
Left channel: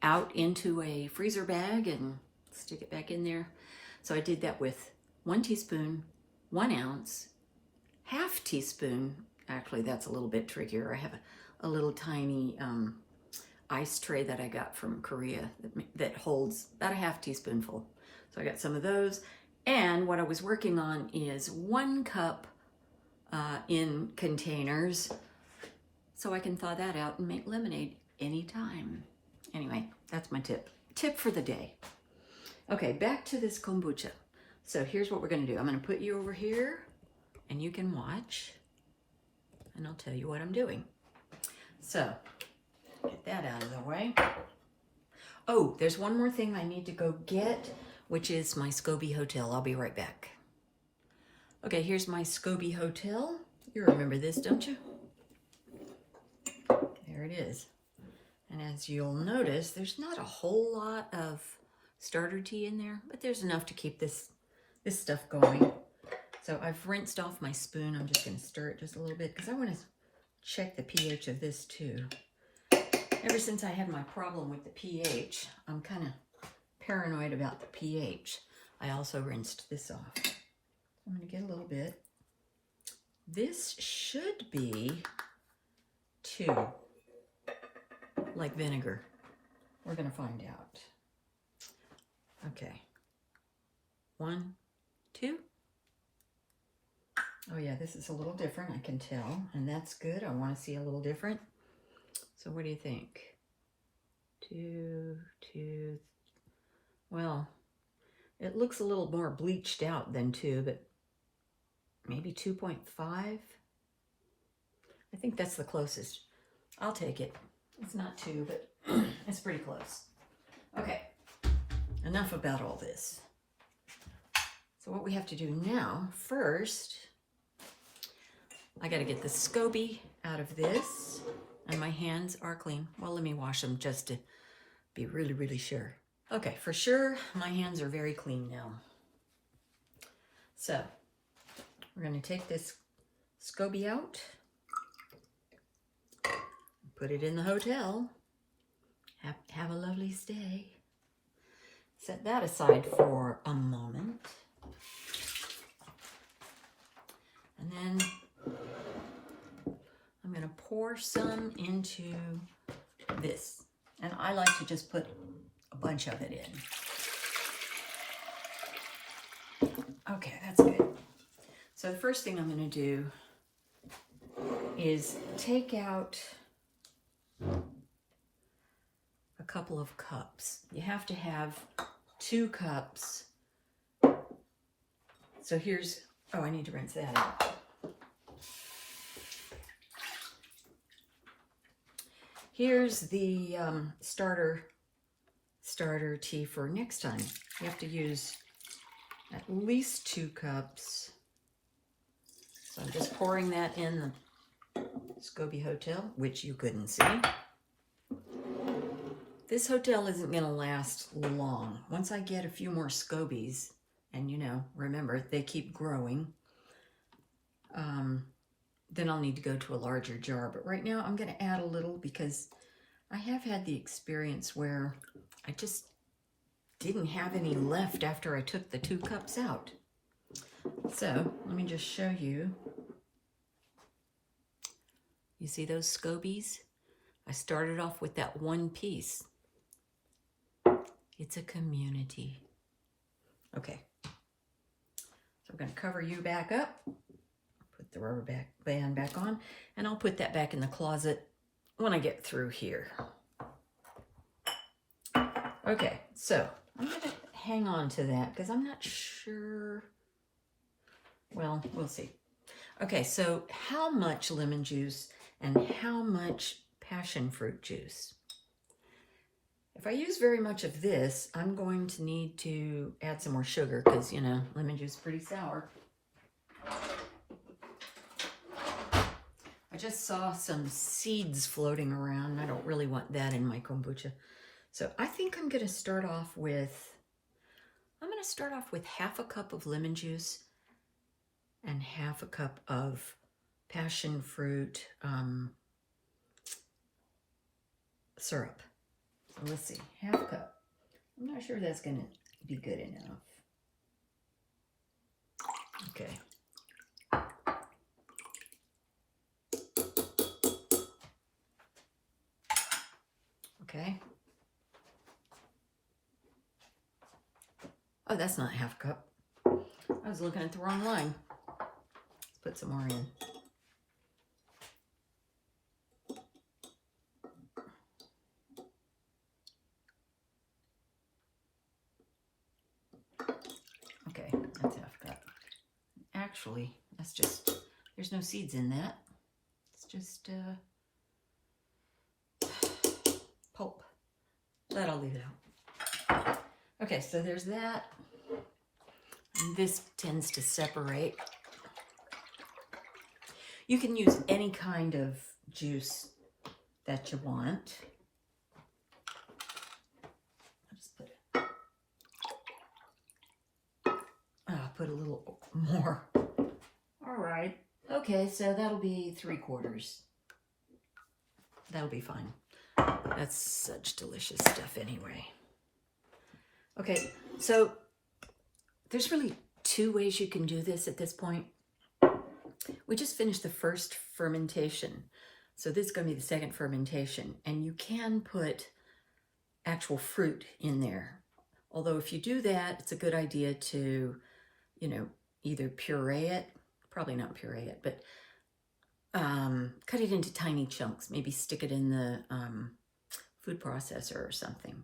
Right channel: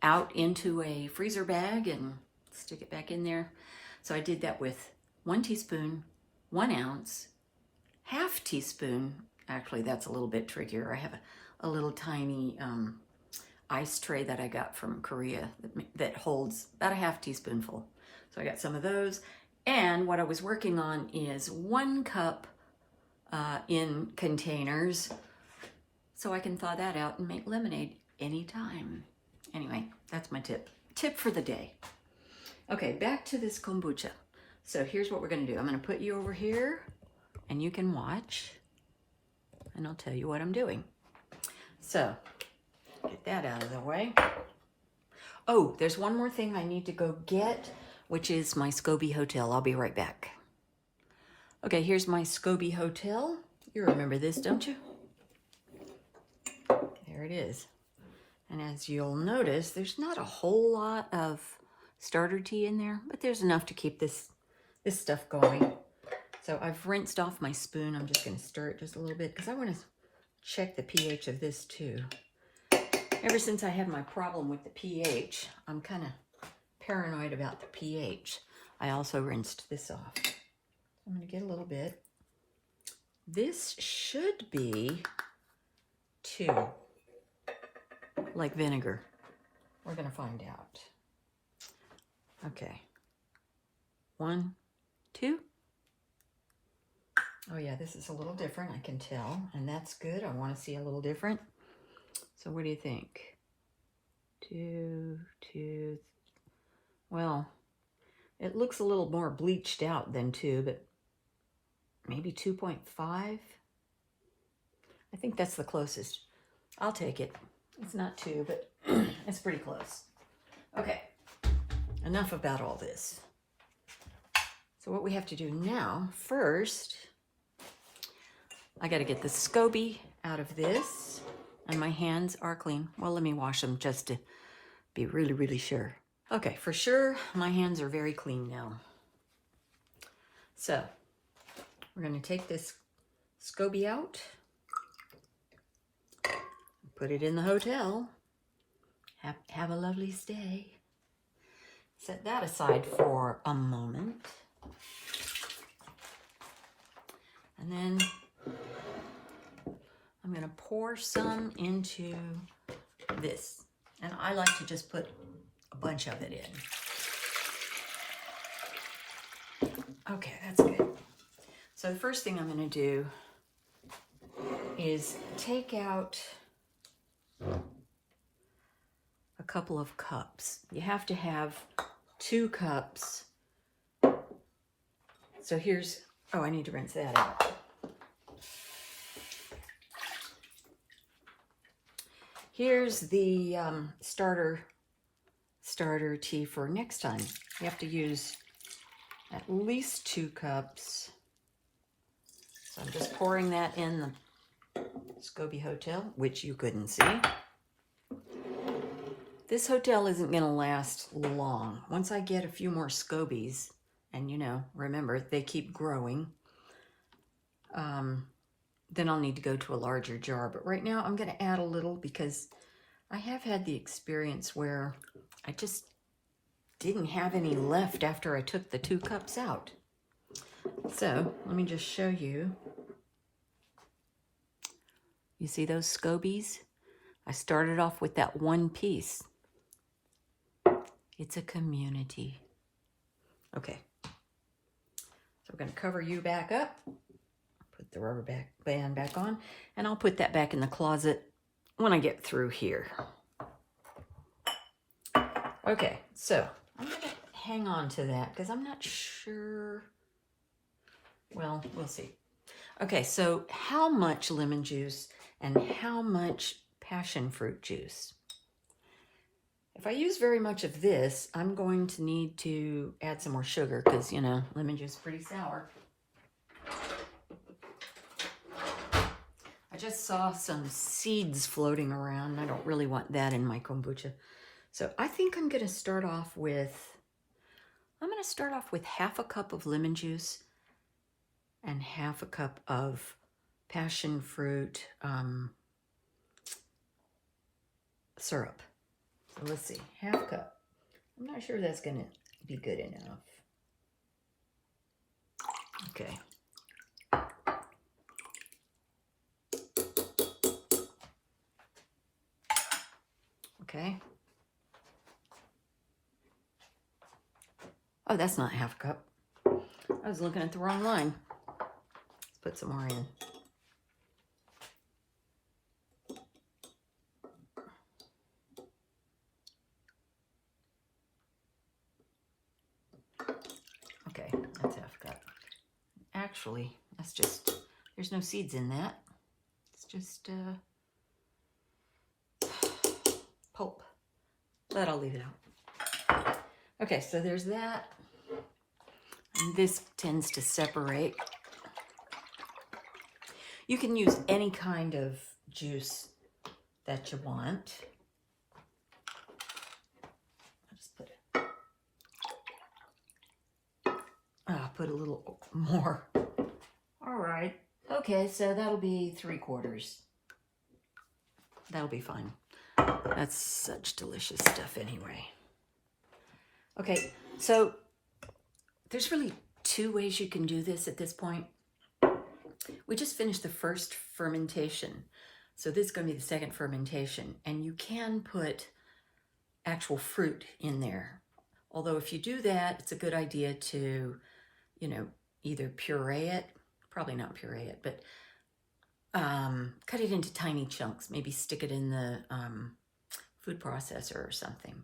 out into a freezer bag and stick it back in there. So I did that with 1 teaspoon, 1 ounce, half teaspoon. Actually, that's a little bit trickier. I have a little tiny ice tray that I got from Korea that holds about a half teaspoonful. So I got some of those. And what I was working on is 1 cup in containers, so I can thaw that out and make lemonade anytime. Anyway, that's my tip for the day. Okay, back to this kombucha. So here's what we're gonna do. I'm gonna put you over here and you can watch and I'll tell you what I'm doing. So get that out of the way. Oh, there's one more thing I need to go get, which is my SCOBY hotel. I'll be right back. Okay, here's my SCOBY hotel. You remember this, don't you? There it is. And as you'll notice, there's not a whole lot of starter tea in there, but there's enough to keep this stuff going. So I've rinsed off my spoon. I'm just going to stir it just a little bit because I want to check the pH of this too. Ever since I had my problem with the pH, I'm kind of paranoid about the pH. I also rinsed this off. I'm going to get a little bit. This should be 2, like vinegar. We're going to find out. Okay. 1, 2. Oh yeah, this is a little different, I can tell, and that's good. I want to see a little different. So what do you think? 2. Well, it looks a little more bleached out than 2, but maybe 2.5. I think that's the closest. I'll take it. It's not 2, but it's pretty close. Okay, enough about all this. So what we have to do now, first, I got to get the SCOBY out of this, and my hands are clean. Well, let me wash them just to be really, really sure. Okay, for sure, my hands are very clean now. So, we're going to take this SCOBY out, put it in the hotel, have a lovely stay. Set that aside for a moment. And then I'm going to pour some into this. And I like to just put a bunch of it in. Okay, that's good. So the first thing I'm going to do is take out a couple of cups. You have to have 2 cups. So here's, oh, I need to rinse that out. Here's the starter tea for next time. You have to use at least 2 cups. So I'm just pouring that in the SCOBY hotel, which you couldn't see. This hotel isn't going to last long. Once I get a few more SCOBYs, and you know, remember, they keep growing, then I'll need to go to a larger jar. But right now I'm going to add a little because I have had the experience where I just didn't have any left after I took the 2 cups out. So let me just show you. You see those SCOBYs? I started off with that 1 piece. It's a community. Okay. So we're going to cover you back up. Put the rubber band back on. And I'll put that back in the closet when I get through here. Okay, so I'm going to hang on to that because I'm not sure. Well, we'll see. Okay, so how much lemon juice and how much passion fruit juice? If I use very much of this, I'm going to need to add some more sugar because, you know, lemon juice is pretty sour. I just saw some seeds floating around. I don't really want that in my kombucha. So I think I'm going to start off with, half a cup of lemon juice and half a cup of passion fruit syrup. So let's see, half a cup. I'm not sure that's going to be good enough. Okay. Okay. Oh, that's not half a cup. I was looking at the wrong line. Let's put some more in. Okay, that's half a cup. Actually, that's just, there's no seeds in that. It's just pulp. But I'll leave it out. Okay, so there's that. And this tends to separate. You can use any kind of juice that you want. I'll just put a little more. All right. Okay, so that'll be 3/4. That'll be fine. That's such delicious stuff anyway. Okay, so there's really 2 ways you can do this at this point. We just finished the first fermentation. So this is going to be the second fermentation. And you can put actual fruit in there. Although if you do that, it's a good idea to, you know, either puree it, probably not puree it, but cut it into tiny chunks. Maybe stick it in the food processor or something.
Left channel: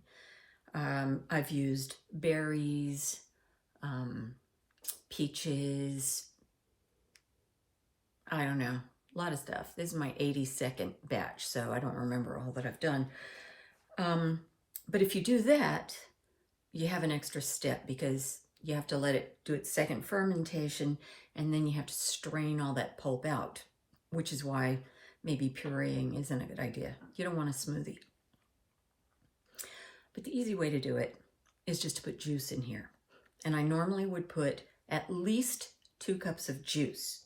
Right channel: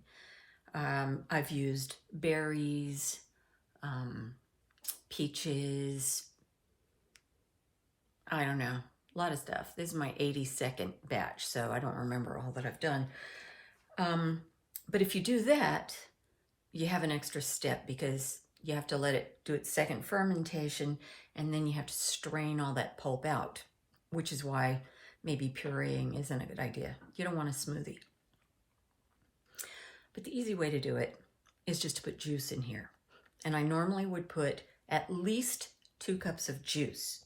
I've used berries, peaches, I don't know, a lot of stuff. This is my 82nd batch, so I don't remember all that I've done. But if you do that, you have an extra step because you have to let it do its second fermentation, and then you have to strain all that pulp out, which is why maybe pureeing isn't a good idea. You don't want a smoothie. But the easy way to do it is just to put juice in here. And I normally would put at least 2 cups of juice.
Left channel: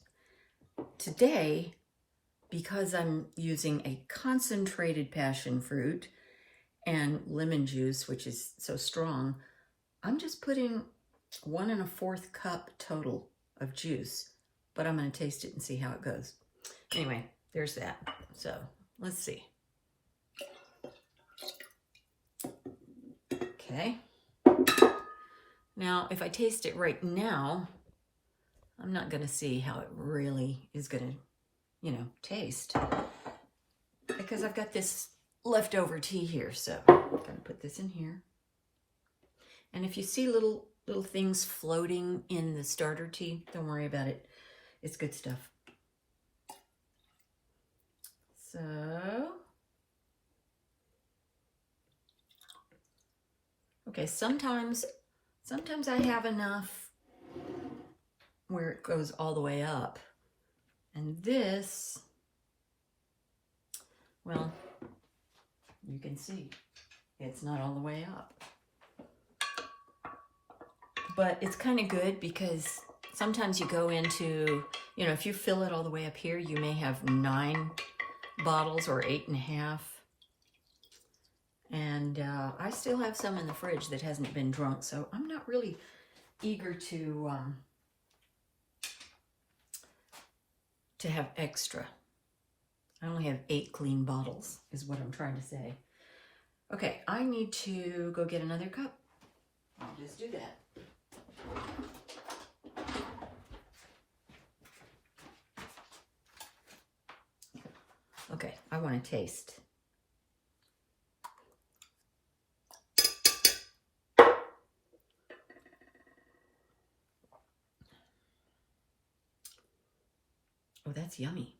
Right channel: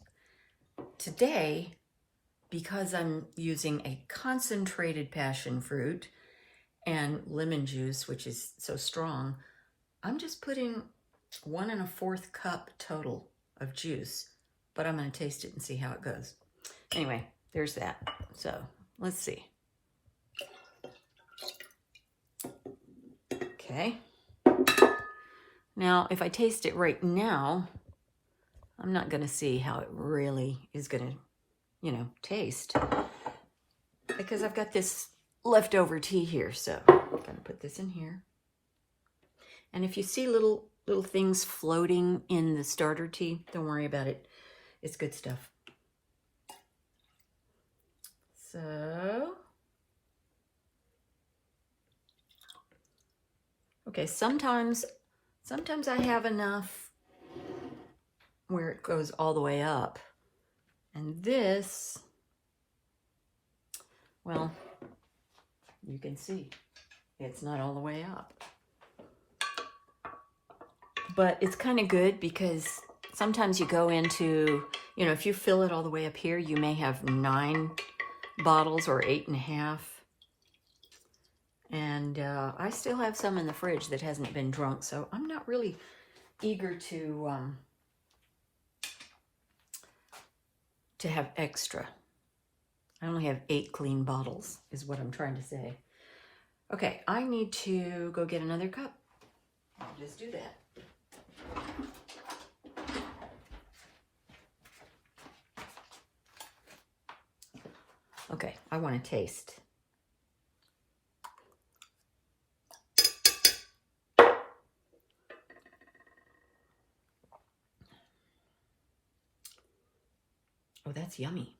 Today, because I'm using a concentrated passion fruit and lemon juice, which is so strong, I'm just putting 1 1/4 cup total of juice, but I'm going to taste it and see how it goes. Anyway, there's that. So let's see. Okay. Now, if I taste it right now, I'm not going to see how it really is going to, you know, taste. Because I've got this leftover tea here. So if going to put this in here. And if you see little things floating in the starter tea, don't worry about it. It's good stuff. So, okay, sometimes I have enough where it goes all the way up. And this, well, you can see it's not all the way up. But it's kind of good because sometimes you go into, you know, if you fill it all the way up here, you may have 9 bottles or 8.5. And I still have some in the fridge that hasn't been drunk, so I'm not really eager to have extra. I only have 8 clean bottles, is what I'm trying to say. Okay, I need to go get another cup. I'll just do that. Okay, I want to taste. Oh, that's yummy.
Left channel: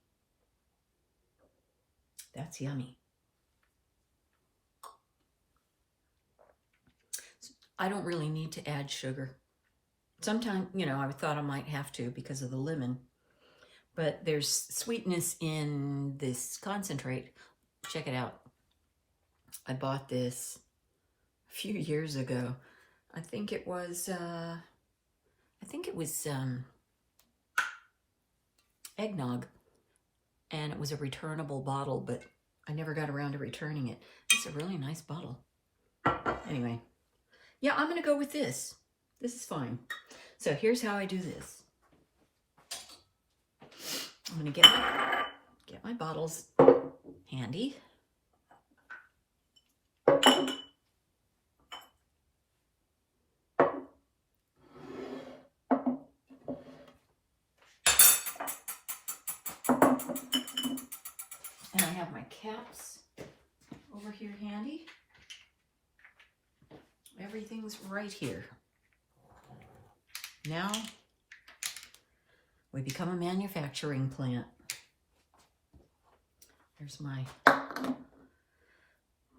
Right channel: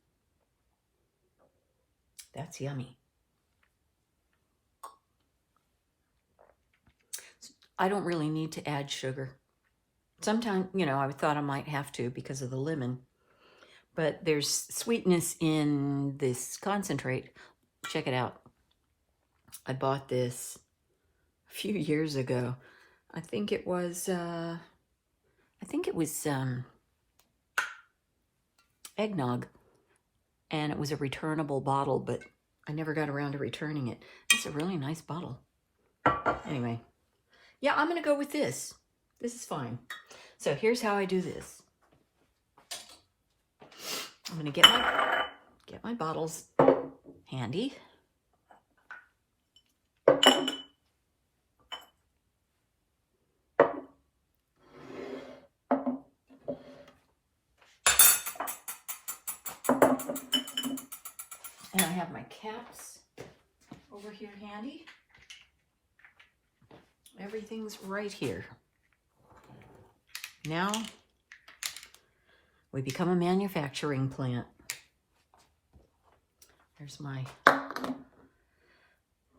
That's yummy. I don't really need to add sugar. Sometimes, you know, I thought I might have to because of the lemon. But there's sweetness in this concentrate. Check it out. I bought this a few years ago. I think it was eggnog. And it was a returnable bottle, but I never got around to returning it. It's a really nice bottle. Anyway, yeah, I'm going to go with this. This is fine. So here's how I do this. I'm going to get my bottles handy. And I have my caps over here handy. Everything's right here. Now we become a manufacturing plant. Here's my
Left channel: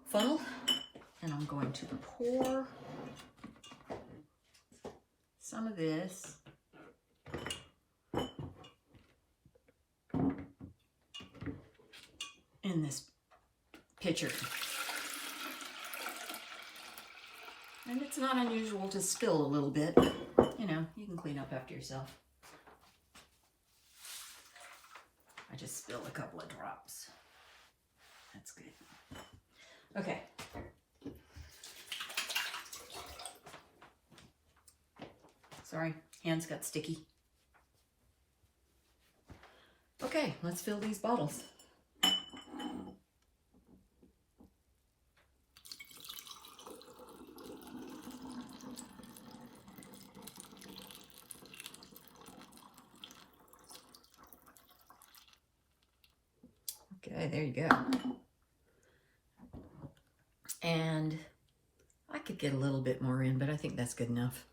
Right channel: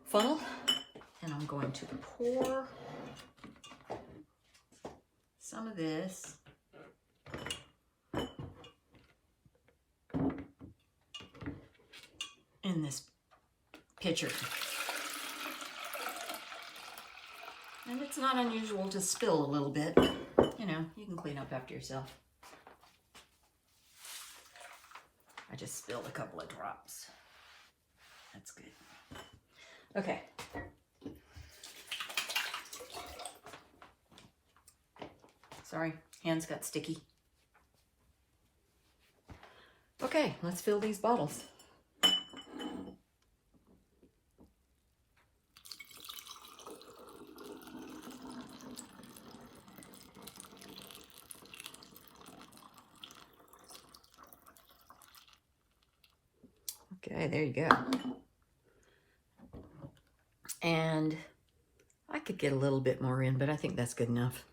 funnel, and I'm going to pour some of this in this pitcher. And it's not unusual to spill a little bit. You know, you can clean up after yourself. I just spilled a couple of drops. That's good. Okay. Sorry, hands got sticky. Okay, let's fill these bottles. Okay, there you go. And I could get a little bit more in, but I think that's good enough.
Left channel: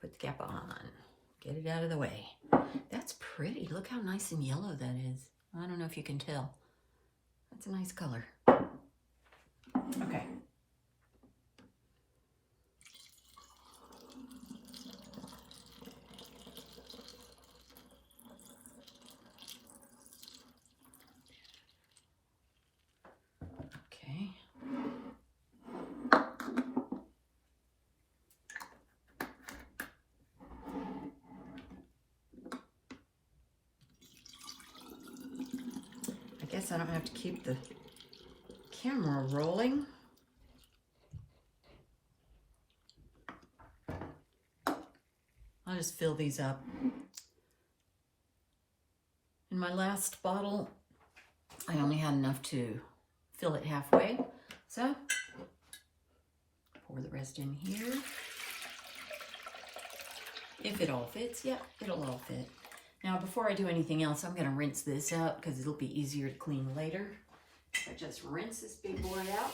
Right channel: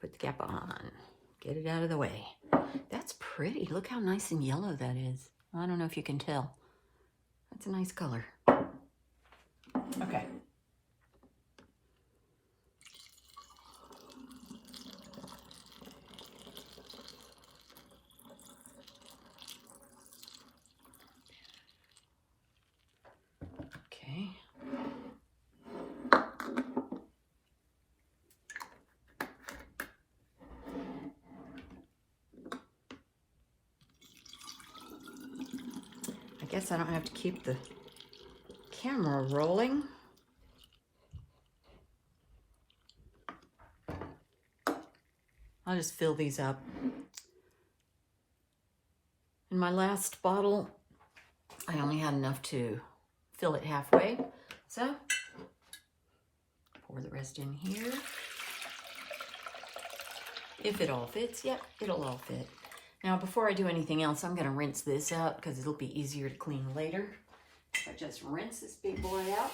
Put the cap on. Get it out of the way. That's pretty. Look how nice and yellow that is. I don't know if you can tell. That's a nice color. Okay. I guess I don't have to keep the camera rolling. I'll just fill these up. In my last bottle, I only had enough to fill it halfway. So, pour the rest in here. If it all fits, yep, it'll all fit. Now, before I do anything else, I'm going to rinse this out because it'll be easier to clean later. I just rinse this big boy out.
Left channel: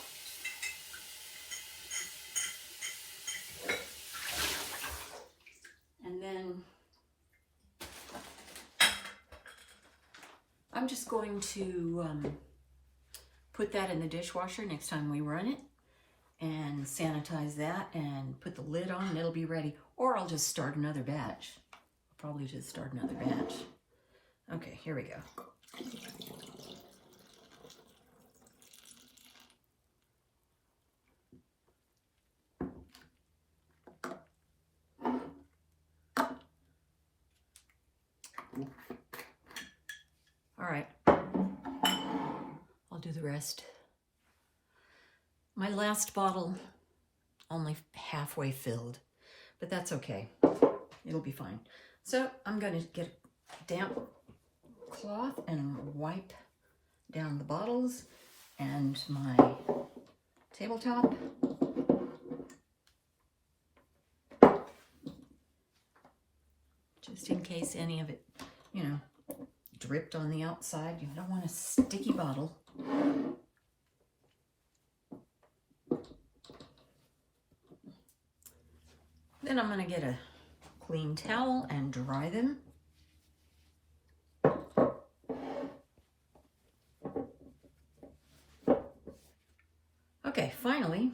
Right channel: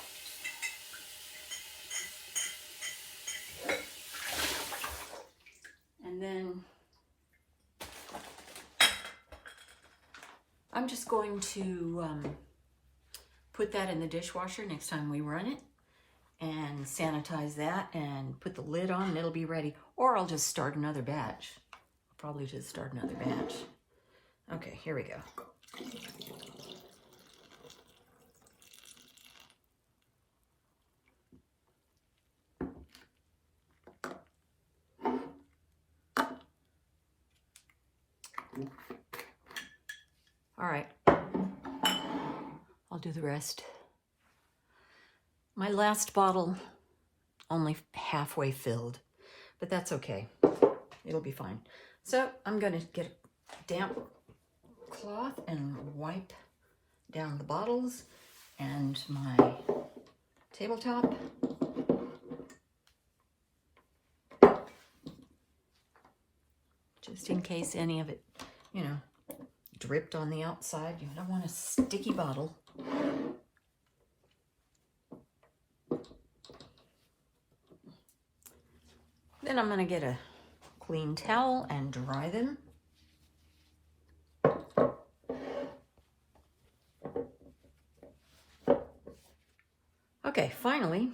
I'm just going to put that in the dishwasher next time we run it and sanitize that and put the lid on and it'll be ready. Or I'll just start another batch. I'll probably just start another batch. Okay, here we go. All right, I'll do the rest. My last bottle only halfway filled, but that's okay. It'll be fine. So I'm gonna get a damp cloth and wipe down the bottles and my tabletop. Just in case any of it, you know, dripped on the outside. You don't want a sticky bottle. Then I'm going to get a clean towel and dry them. Okay, finally,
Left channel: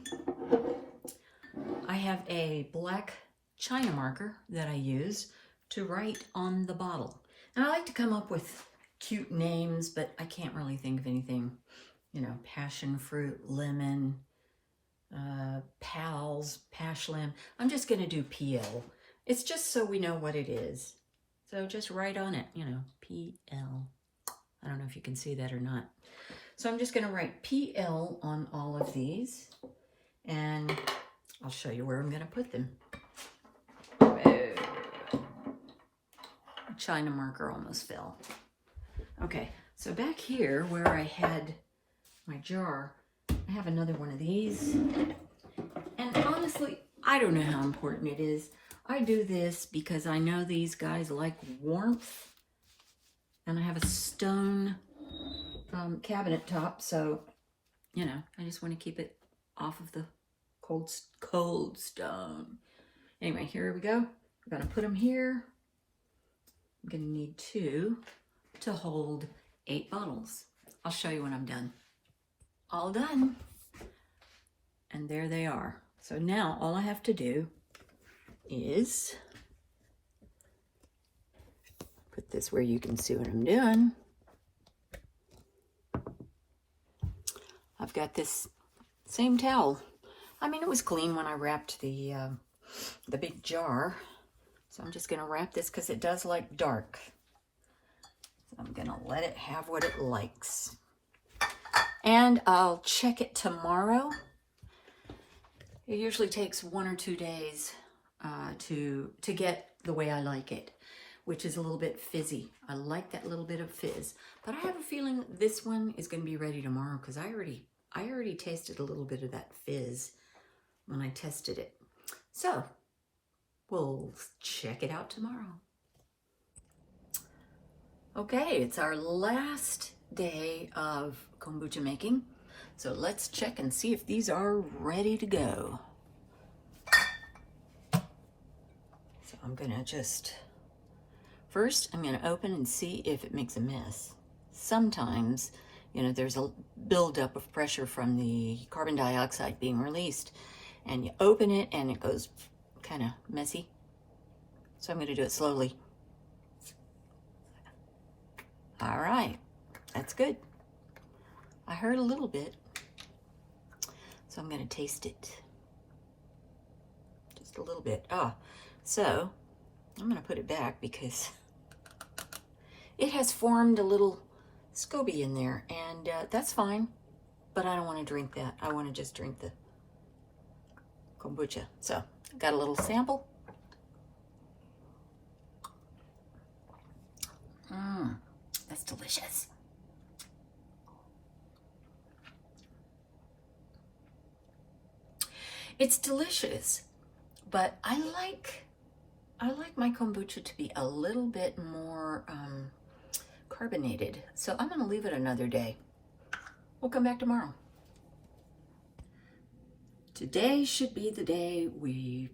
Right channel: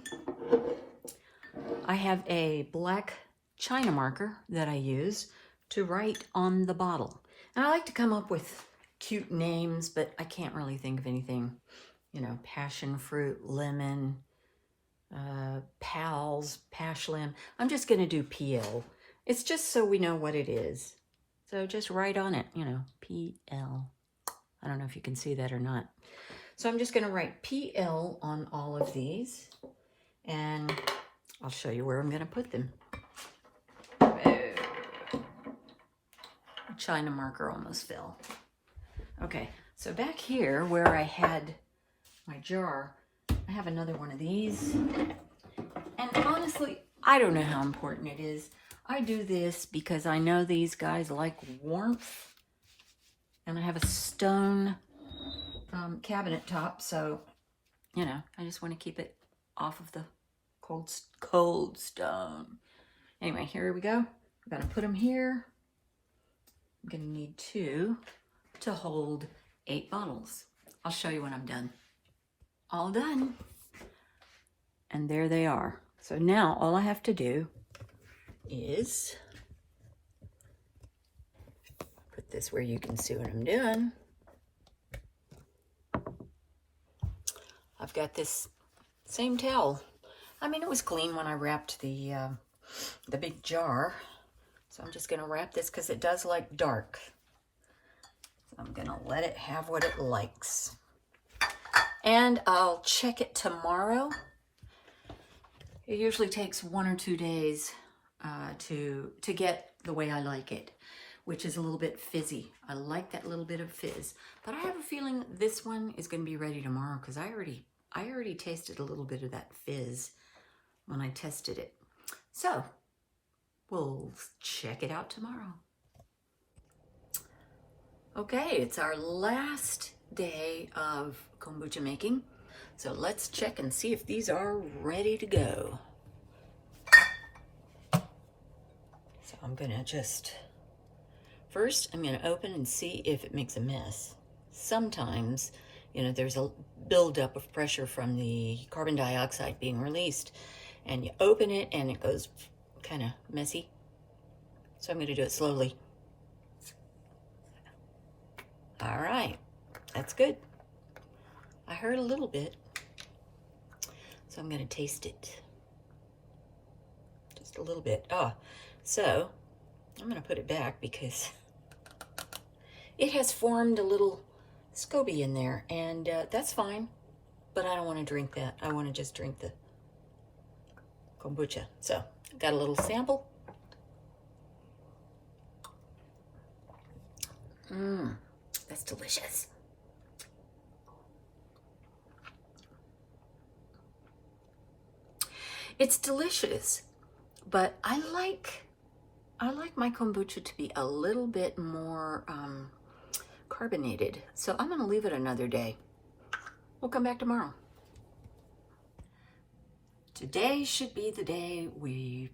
I have a black China marker that I use to write on the bottle. And I like to come up with cute names, but I can't really think of anything. You know, passion fruit, lemon, pals, pashlim. I'm just going to do PL. It's just so we know what it is. So just write on it, you know, PL. I don't know if you can see that or not. So I'm just going to write PL on all of these. And I'll show you where I'm going to put them. China marker almost fell. Okay, so back here where I had my jar, I have another one of these. And honestly, I don't know how important it is. I do this because I know these guys like warmth. And I have a stone cabinet top, so, you know, I just want to keep it off of the cold stone. Anyway, here we go. I'm going to put them here. I'm going to need 2 to hold 8 bottles. I'll show you when I'm done. All done. And there they are. So now all I have to do is put this where you can see what I'm doing. I've got this same towel. I mean, it was clean when I wrapped the big jar. So I'm just going to wrap this because it does like dark. So I'm going to let it have what it likes. And I'll check it tomorrow. It usually takes 1 or 2 days to get the way I like it, which is a little bit fizzy. I like that little bit of fizz. But I have a feeling this one is going to be ready tomorrow because I already tasted a little bit of that fizz when I tested it. So we'll check it out tomorrow. Okay, it's our last day of kombucha making. So let's check and see if these are ready to go. So I'm gonna first I'm gonna open and see if it makes a mess. Sometimes, you know, there's a buildup of pressure from the carbon dioxide being released, and you open it and it goes kind of messy. So I'm going to do it slowly. All right, that's good. I heard a little bit, so I'm going to taste it. Just a little bit. So I'm going to put it back because it has formed a little SCOBY in there, and that's fine, but I don't want to drink that. I want to just drink the kombucha. So I've got a little sample. That's delicious. It's delicious, but I like my kombucha to be a little bit more carbonated. So I'm going to leave it another day. We'll come back tomorrow. Today should be the day we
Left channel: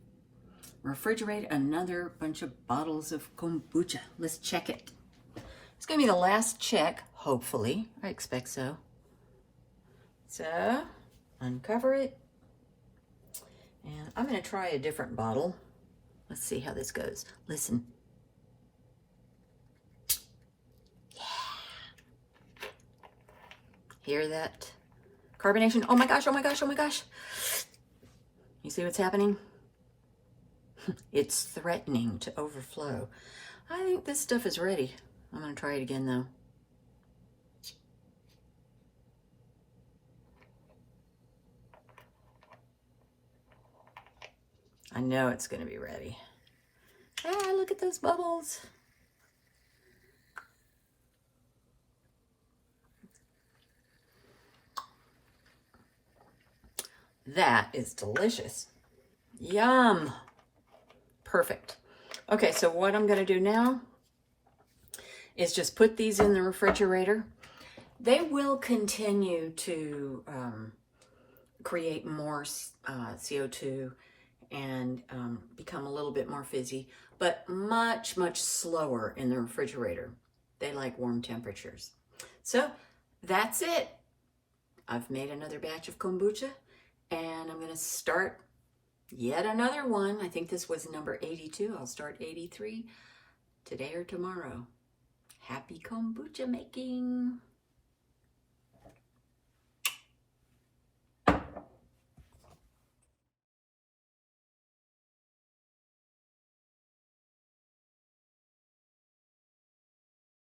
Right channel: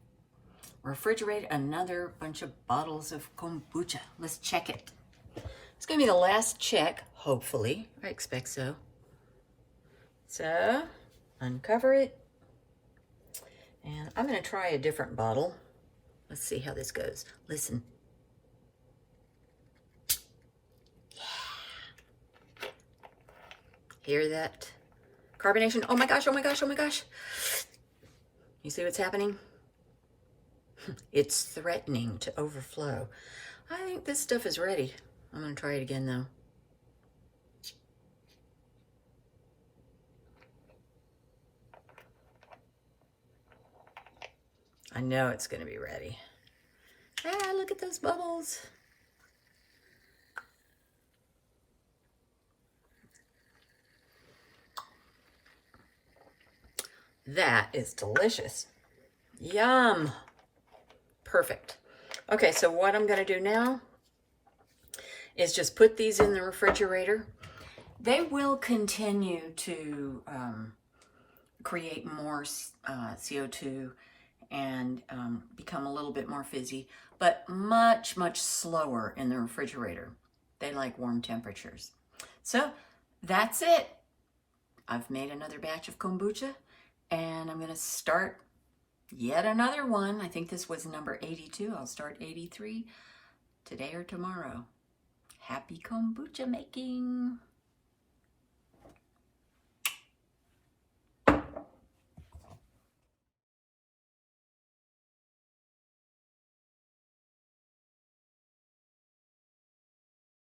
refrigerate another bunch of bottles of kombucha. Let's check it. It's going to be the last check. hopefully. I expect so. So, uncover it. And I'm going to try a different bottle. Let's see how this goes. Listen. Hear that carbonation? Oh my gosh, oh my gosh, oh my gosh. You see what's happening? It's threatening to overflow. I think this stuff is ready. I'm going to try it again though. I know it's going to be ready. Ah, look at those bubbles. That is delicious. Yum. Perfect. Okay, so what I'm going to do now is just put these in the refrigerator. They will continue to create more CO2 and become a little bit more fizzy, but much, much slower in the refrigerator. They like warm temperatures. So that's it. I've made another batch of kombucha, and I'm going to start yet another one. I think this was number 82. I'll start 83 today or tomorrow. Happy kombucha making.